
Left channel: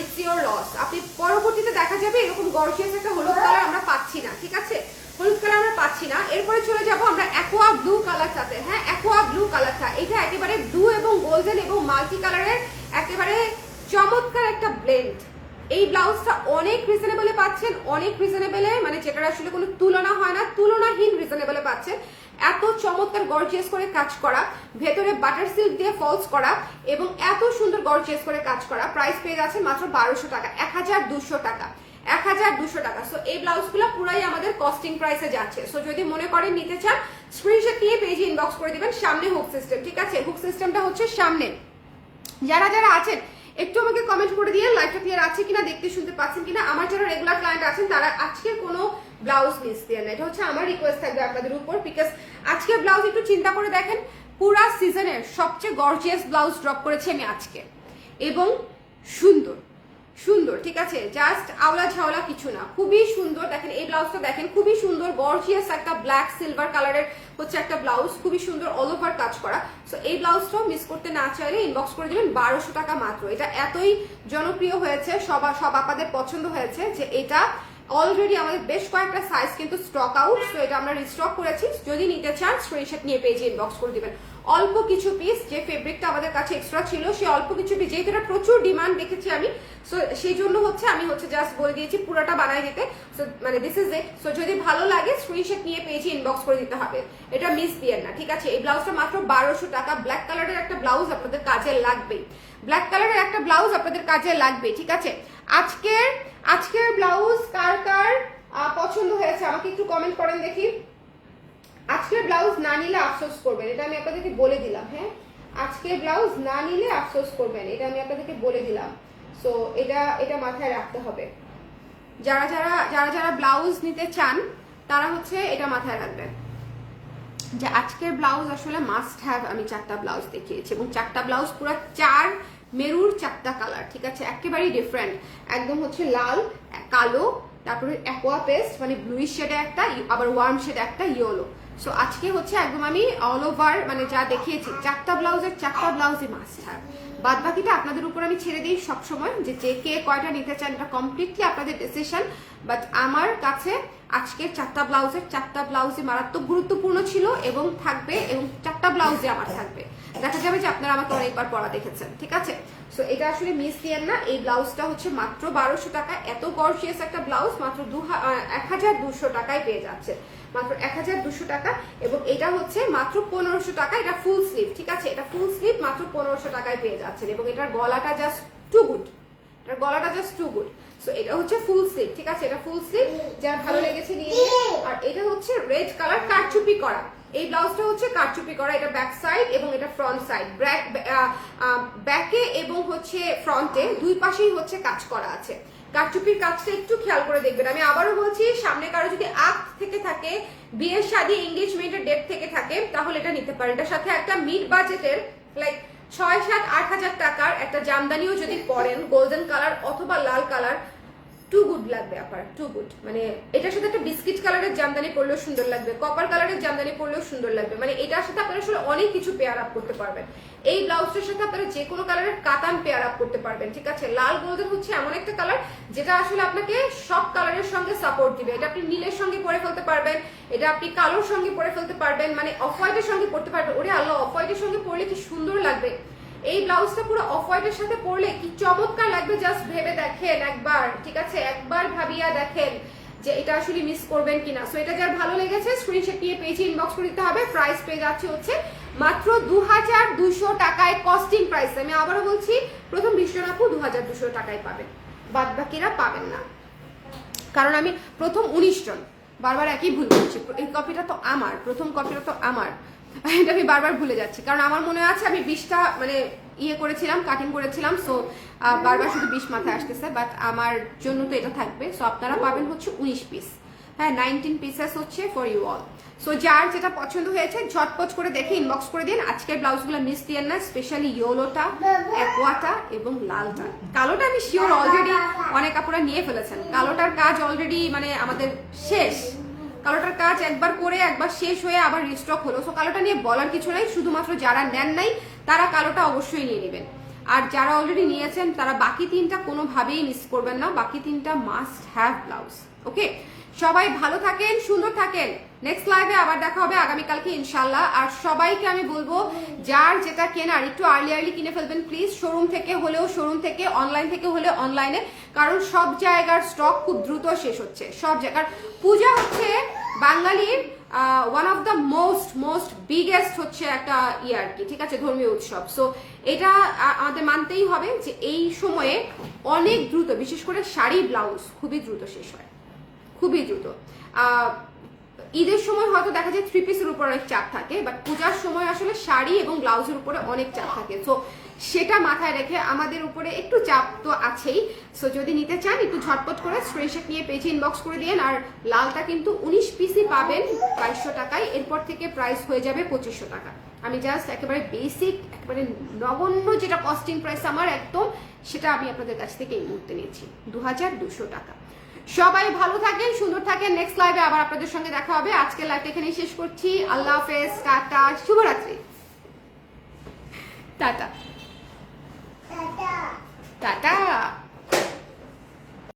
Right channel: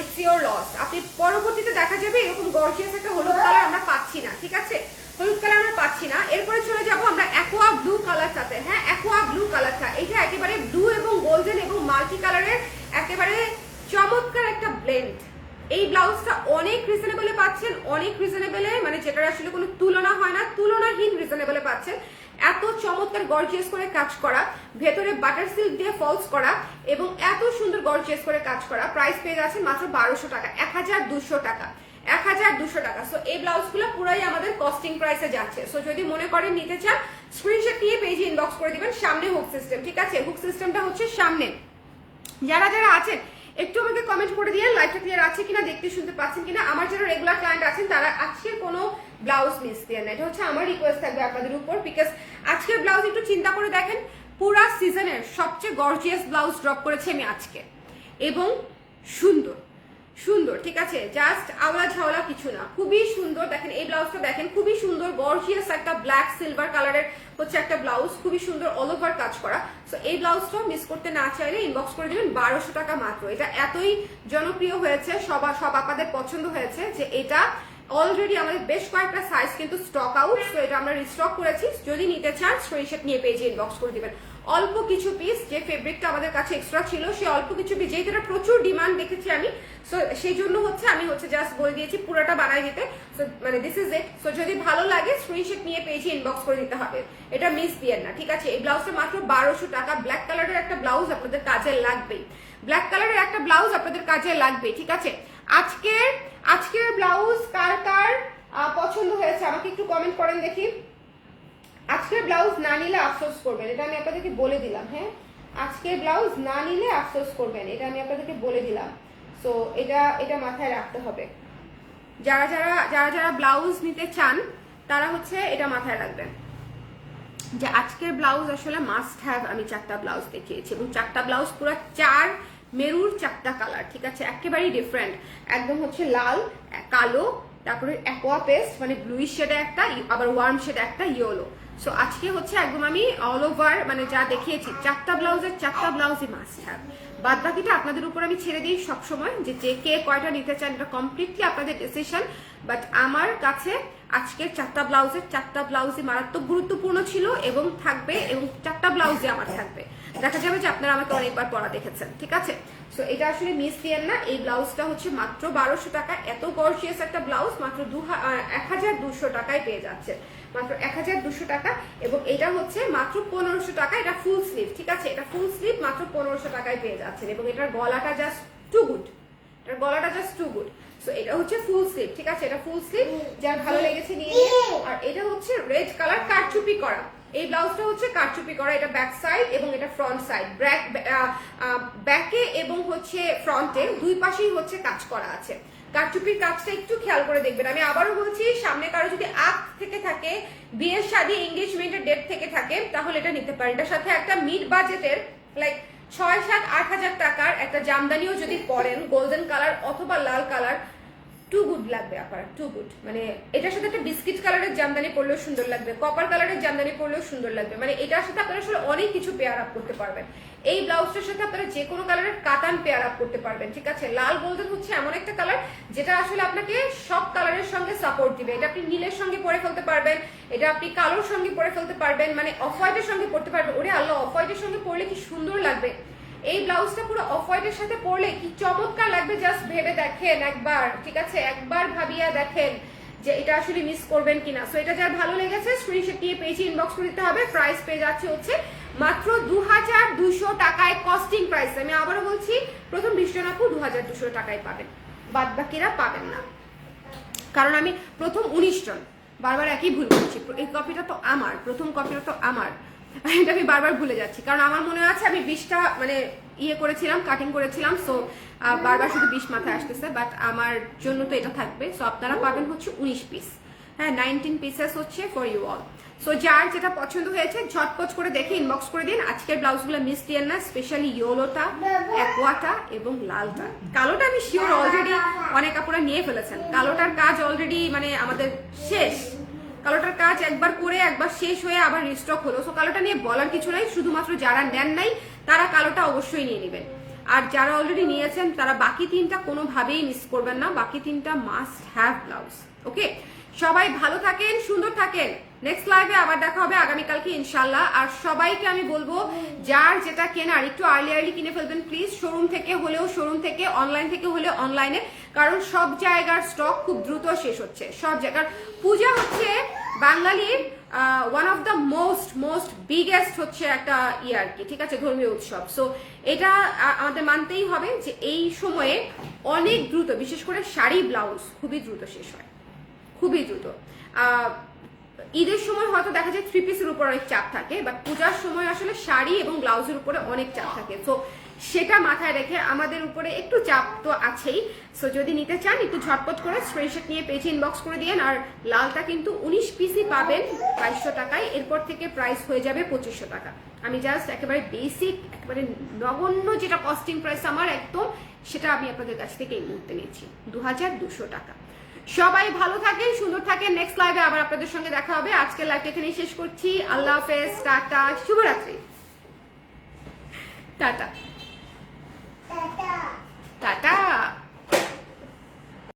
ইটস ইওর লস। আপনি পরবর্তীতে দেখা যাবে এরকম গর্জিয়াস একটা হলুদ কালার আমরা পাচ্ছি না, ঠিক আছে, হলুদ কালার আমরা পাচ্ছি না। এরপরে চলে যাব আমরা অ্যাকোয়া ব্লু কালারটাতে। হ্যাঁ, অ্যাকোয়া ব্লু কালারটা, এটা একেবারে ব্লু এবং গোল্ডেন এবং মাল্টি কালারের একেবারে চমৎকার একটা ব্লেন্ড। এই ব্লাউজটা অনেক রিজনেবলে পাচ্ছেন, অনেক রিজনেবলে, মানে যেটার আসলে কোনো তুলনা হয় না, তুলনাহীন রিজনেবলে পাচ্ছেন। এত চমৎকার গর্জিয়াস করে কাজ করা, ভেতরে বাটার সিল্ক দিয়ে ফলস করা এবং এত সুন্দর গর্জিয়াস করে কাজ করা। প্রাইস পেয়ে যাচ্ছেন মাত্র 1200 টাকা, 1200 টাকা, 1200 টাকা। সো এই ব্লাউজগুলো পুরাই আমাদের কস্টিং প্রাইসে যাচ্ছে। সো যদি মনে করেন নিতে চান স্ক্রিনশট নিয়ে পেজে ইনবক্স করে দিবেন। সামনে হুক সিস্টেম, ঠিক আছে, হুক সিস্টেমটা হচ্ছে সামনে। যারা যারা আছেন একটু আমাকে কমেন্ট করে দিয়ে লাইভটা ক্লিয়ার আছে কিনা, দেখতে শুনতে পাচ্ছেন কিনা। আমার যারা রেগুলার ক্লায়েন্ট আছেন তারা আজকে কোনো ব্লাউজ মিস দিয়ে না, এটা হচ্ছে আমার রিকোয়েস্ট থাকবে আপনাদের উপর, বিকজ আজকের ব্লাউজ একটু চিন্তা করে দেখেন, পুরা সিজনের সবচেয়ে গর্জিয়াস ব্লাউজ ড্রপ করেছি আমি আজকে, এবং সুন্দর সুন্দর, ঠিক আছে, জাস্ট আওলা ঝাওলা কিছু না, খুবই সুন্দর। দেখেন এই ব্লাউজটা দেখেন, খুবই সুন্দর গর্জিয়াস একটা ব্ল্যাক সিলভার কালারের হচ্ছে একটা ব্লাউজ, খুবই সুন্দর অল ওভার কাজ করা। সো এই ব্লাউজটাও মিস করতে না চাইলে ইনবক্স করে দিবেন, 1200 টাকা মাত্র। এটা এতই জনপ্রিয় হয়েছে, সব আপনাদের পছন্দ হয়েছে যে এটা অলরেডি আমাদের বেশ কয়েকটা সাইজ কিন্তু স্টক আউট, তো এটা আমরা রিস্টক করেছি। যদি নিতে চান স্ক্রিনশট নিয়ে পেজে ইনবক্স করে দিবেন। অল্প কিছু পিস, যে ফেব্রিকটা আমাদের কাছে এক্সট্রা ছিল সেই অল্প কিছু পিস, যেহেতু এটা প্রচুর ডিমান্ড দেখেছি আমি, সো সেই জন্য হচ্ছে আমি জাস্ট বলে দিয়েছি পুরোটা বানাই দিতে। সো মানে দিস ইজ ইট। সো যদি ভালো লাগে স্ক্রিনশট নিয়ে পেজে ইনবক্স করে দিতে হবে, এটা মিস দিয়েন না, ঠিক আছে। এই ব্লাউজটা মাত্র 1200 টাকা। ব্ল্যাক কালারের একটা ব্লাউজ আপনাদের কাজে লাগবে, ব্ল্যাক কালারের একটা ব্লাউজ আপনাদের কাজে লাগবে, ঠিক আছে। আজকের ব্লাউজ কার কার পছন্দ হয়েছে আমাকে একটু কমেন্ট করেন দেখি। আজকের ব্লাউজ না নিলে আফসোস করবেন, এটা আমি আপনাদেরকে বলে দিলাম। হ্যাঁ, আজকের ব্লাউজ না নিলে আফসোস করবেন, এটা আমি আপনাদেরকে বলে দিলাম। সো এটা মাথায় রাখতে হবে। যারা ব্লাউজ নিতে চান তারা হচ্ছে এটা মাথায় রাখবেন যে আজকের ব্লাউজ আসলে মাস্ট হ্যাভ। আমি 4টা ব্লাউজ দেখিয়েছি এবং 4টা ব্লাউজ পুরো 4 মেরুর 4টা কালার, ঠিক আছে, একেবারেই ডিফারেন্ট। একদম হচ্ছে লাল, কালো, তারপরে অ্যাকোয়া পেস্ট মানে ব্লুইশ শেডে একটা, আবার ওয়ার্ম শেডে একটা, ইয়েলো। সো আজকে হচ্ছে একদম আমি অল ওভার মানে যা দেখিয়েছি 4টা ব্লাউজের 4টা ব্লাউজই মাস্ট হ্যাভ। বাদ বাকিটা আপনাদের উপর আমি ছেড়ে দিই সবসময়, যে কে কয়টা নিতে চান এটা কমপ্লিটলি আপনাদের ডিসিশন। বাট আমার কাছে আজকের 4টা ব্লাউজের 4টা ব্লাউজই মারাত্মক গুরুত্বপূর্ণ ছিল এবং থাকবে, এবং 4টা ব্লাউজই আমার থাকবে। দেখা যাবে যে আপনারা আমাকে অনেকবার পরা দেখেছেন, ঠিক আছে। সো এটা আসলে মিস দিয়েন না। এই ব্লাউজটা হচ্ছে মাত্র 1200 টাকা। এত গর্জিয়াস একটা ব্লাউজ মাত্র 1200 টাকায় পেয়ে যাচ্ছে, মাত্র 1200 টাকা। এবং এটা হচ্ছে মাত্র 1500 টাকা। এটা ফুল স্লিভ, ঠিক আছে, এটা ফুল স্লিভ মাত্র 1500 টাকায় পেয়ে যাচ্ছেন। এবং এটার গলাটা জাস্ট টু গুড, এটার গলাটা জাস্ট টু গুড। সো এটা হচ্ছে ফুল স্লিভ, ঠিক আছে, এটা ফুল স্লিভ, যার ভালো লেগেছে নিয়ে নিন। আর এটা হচ্ছে রেড কালার কারচুপি করা, এই ব্লাউজটা হচ্ছে কারচুপি করা। এটা ব্যাক সাইড এবং এটা ফ্রন্ট সাইড, ব্যাকে এবং হচ্ছে ফ্রন্টে দুই পাশেই হচ্ছে কাজ করা আছে। কারচুপির কাজটা একটু খেয়াল করে দেখবেন। আমি আবারও বলছি, সামনে কারো যদি আগ থেকে থাকে, বিয়ের শাদী এঙ্গেজমেন্টের ডেট থেকে থাকে, তাহলে এটা নিতে পারেন। এটার সাথে একটা মিড বাজেটের লাইক 6-7-8 হাজার টাকার একটা জামদানিও যদি পরেন, গোল্ডেন কালার অথবা লাল কালার, টু গুড লাগবে আপনার, টু গুড। মানে এটার সাথে একটা বিস্কিট কালারের জামদানি পরলেও সুন্দর লাগবে, কপার কালারের জামদানি পরলেও সুন্দর লাগবে। মানে এটার সাথে আপনারা আসলে অনেক কিছু পেয়ার আপ করতে পারবেন। এই ব্লাউজটার সাথে আপনারা যে কোনো কালারের কাতান পেয়ার আপ করতে পারবেন, ঠিক আছে। লাল গোল্ডেন হচ্ছে এমন একটা কালার যেটা আসলে আপনাকে সব কালারের সঙ্গে সাপোর্ট দিবে। এটা আপনি নীলের সঙ্গে পরে ফেলতে পারবেন, এটা আপনি কালোর সঙ্গে পরে ফেলতে পারবেন, মানে অফ হোয়াইটের সঙ্গে পরতে পারবেন। ওরে আল্লাহ, অফ হোয়াইটের সঙ্গে পরলে কি সুন্দর লাগবে। এই ব্লাউজটা পুরো অফ হোয়াইটের সাথে পরলে কি চমৎকার লাগবে, জাস্ট ভেবে দেখেন একবার, ঠিক আছে, একবার ভাবিয়া দেখেন যে এটা আসলে মিস করবেন কিনা। সো এটা যার ভালো লেগেছে স্ক্রিনশট নিয়ে পেজে ইনবক্স করে দিতে হবে। প্রাইস পেয়ে যাচ্ছে হচ্ছে মাত্র 2200 টাকায়, কস্টিং প্রাইস। আমি আবারও বলছি, প্রথম 20 জন আপু 2200 টাকায় পাবেন, বাদ বাকিরা পাবেন না। কারণ আমি প্রথম 19 জন, বারবার একই ভুল করছি। এই কপিটা তো আমার, প্রথম কপিটা তো আমার, এটা আমি বারবার ভুলে যাচ্ছি। কারণ আমার মনে আছে আমি 20টা মানে ইয়ে করেছিলাম, কাটিং করেছিলাম। সো বারবার শুধু 20 মাথায় আসতেছে, বাট আমার জন্য তো এটা থাকবে। সো আপনারা পাবেন হচ্ছে 19 পিস, হ্যাঁ, 19 পিসেস হচ্ছে ফর ইউ অল। সো যার যেটা পছন্দ হয়েছে ঝটপট করে দেখে ইনবক্স করে দিন। আজকের ব্লাউজগুলো মিস দিয়েন না, স্পেশালি ইয়েলোটা, অ্যাকোয়াটা এবং লালটা। কালোটা আমি শিওর অলরেডি অনেক আপুরা নিয়ে ফেলেছেন। কালোটার কাজ অলরেডি মানে আমাদের শেষ, কালোটার কাজ একবার করে একবার শেষ হয়ে আবার রিস্টক হলো। সো কালোটা নিয়ে বলার কিছু নাই, শুধুমাত্র যারা নেন নাই তারা কালোটা অবশ্যই নিয়ে নেবেন। আর যারা অলরেডি নিয়েছেন তারা বাকি 3টা কোনোভাবেই মিস করবেন না, বাকি 3টা মাস্ট হ্যাভ ব্লাউজ। ওকে, সবাই ভালো থাকেন, সুন্দর থাকেন। নেক্সট লাইভে আবার দেখা হবে আগামীকালকে ইনশাল্লাহ। আর সবাইকে আমি বলবো, যার যেটা কেনার একটু আর্লি কিনে ফেলবেন প্লিজ। শোরুম থেকে হলেও শোরুম থেকে, অনলাইন থেকে হলে অনলাইনে, কারণ সব জায়গার স্টক খুব দ্রুত শেষ হচ্ছে। সব জায়গার পূজা হচ্ছে বাঙালির one of the most biggest হচ্ছে একটা ইয়ে আর কি, ঠিক আছে, ধর্মীয় উৎসব। সো এটা আমাদের মানতেই হবে যে এই সময়ে অনেক দ্রুত, বিশেষ করে শাড়ি ব্লাউজ খুবই দ্রুত শেষ হয়, খুবই দ্রুত। ঈদের সময় হয়তো দেখা যায় 3 পিসের উপর অনেক চাপ থাকে, বাট পূজার সময় আসলে শাড়ি এবং ব্লাউজের উপরে অনেক চাপ থাকে। তো সেটা মাথায় রেখে আমাদের উপরে একটু চাপ তো আছেই। সো যদি নিতে চান একটু ঝটপট করে স্ক্রিনশট নিয়ে পেজে ইনবক্স করে দিন। আর লালটা কিন্তু 19 পিসই পাবেন 2200 টাকায়, এরপর থেকে প্রাইস হয়ে যাবে 2500 টাকা। আমি জাস্ট একেবারে বেসিক, একেবারে নগণ্য যেটা কস্টিং প্রাইস আমার একদম, সেটা আমি আপনাদের কাছ থেকে এই মুহূর্তে নিচ্ছি 2200 টাকা। সবাই ভালো থাকেন, সুন্দর থাকেন। নেক্সট লাইভে আবার আপনাদের সঙ্গে দেখা হবে। আজকের লাইভটা এখানেই শেষ করছি। আল্লাহ হাফেজ, টাটা, শুভরাত্রি, টাটা টাটা।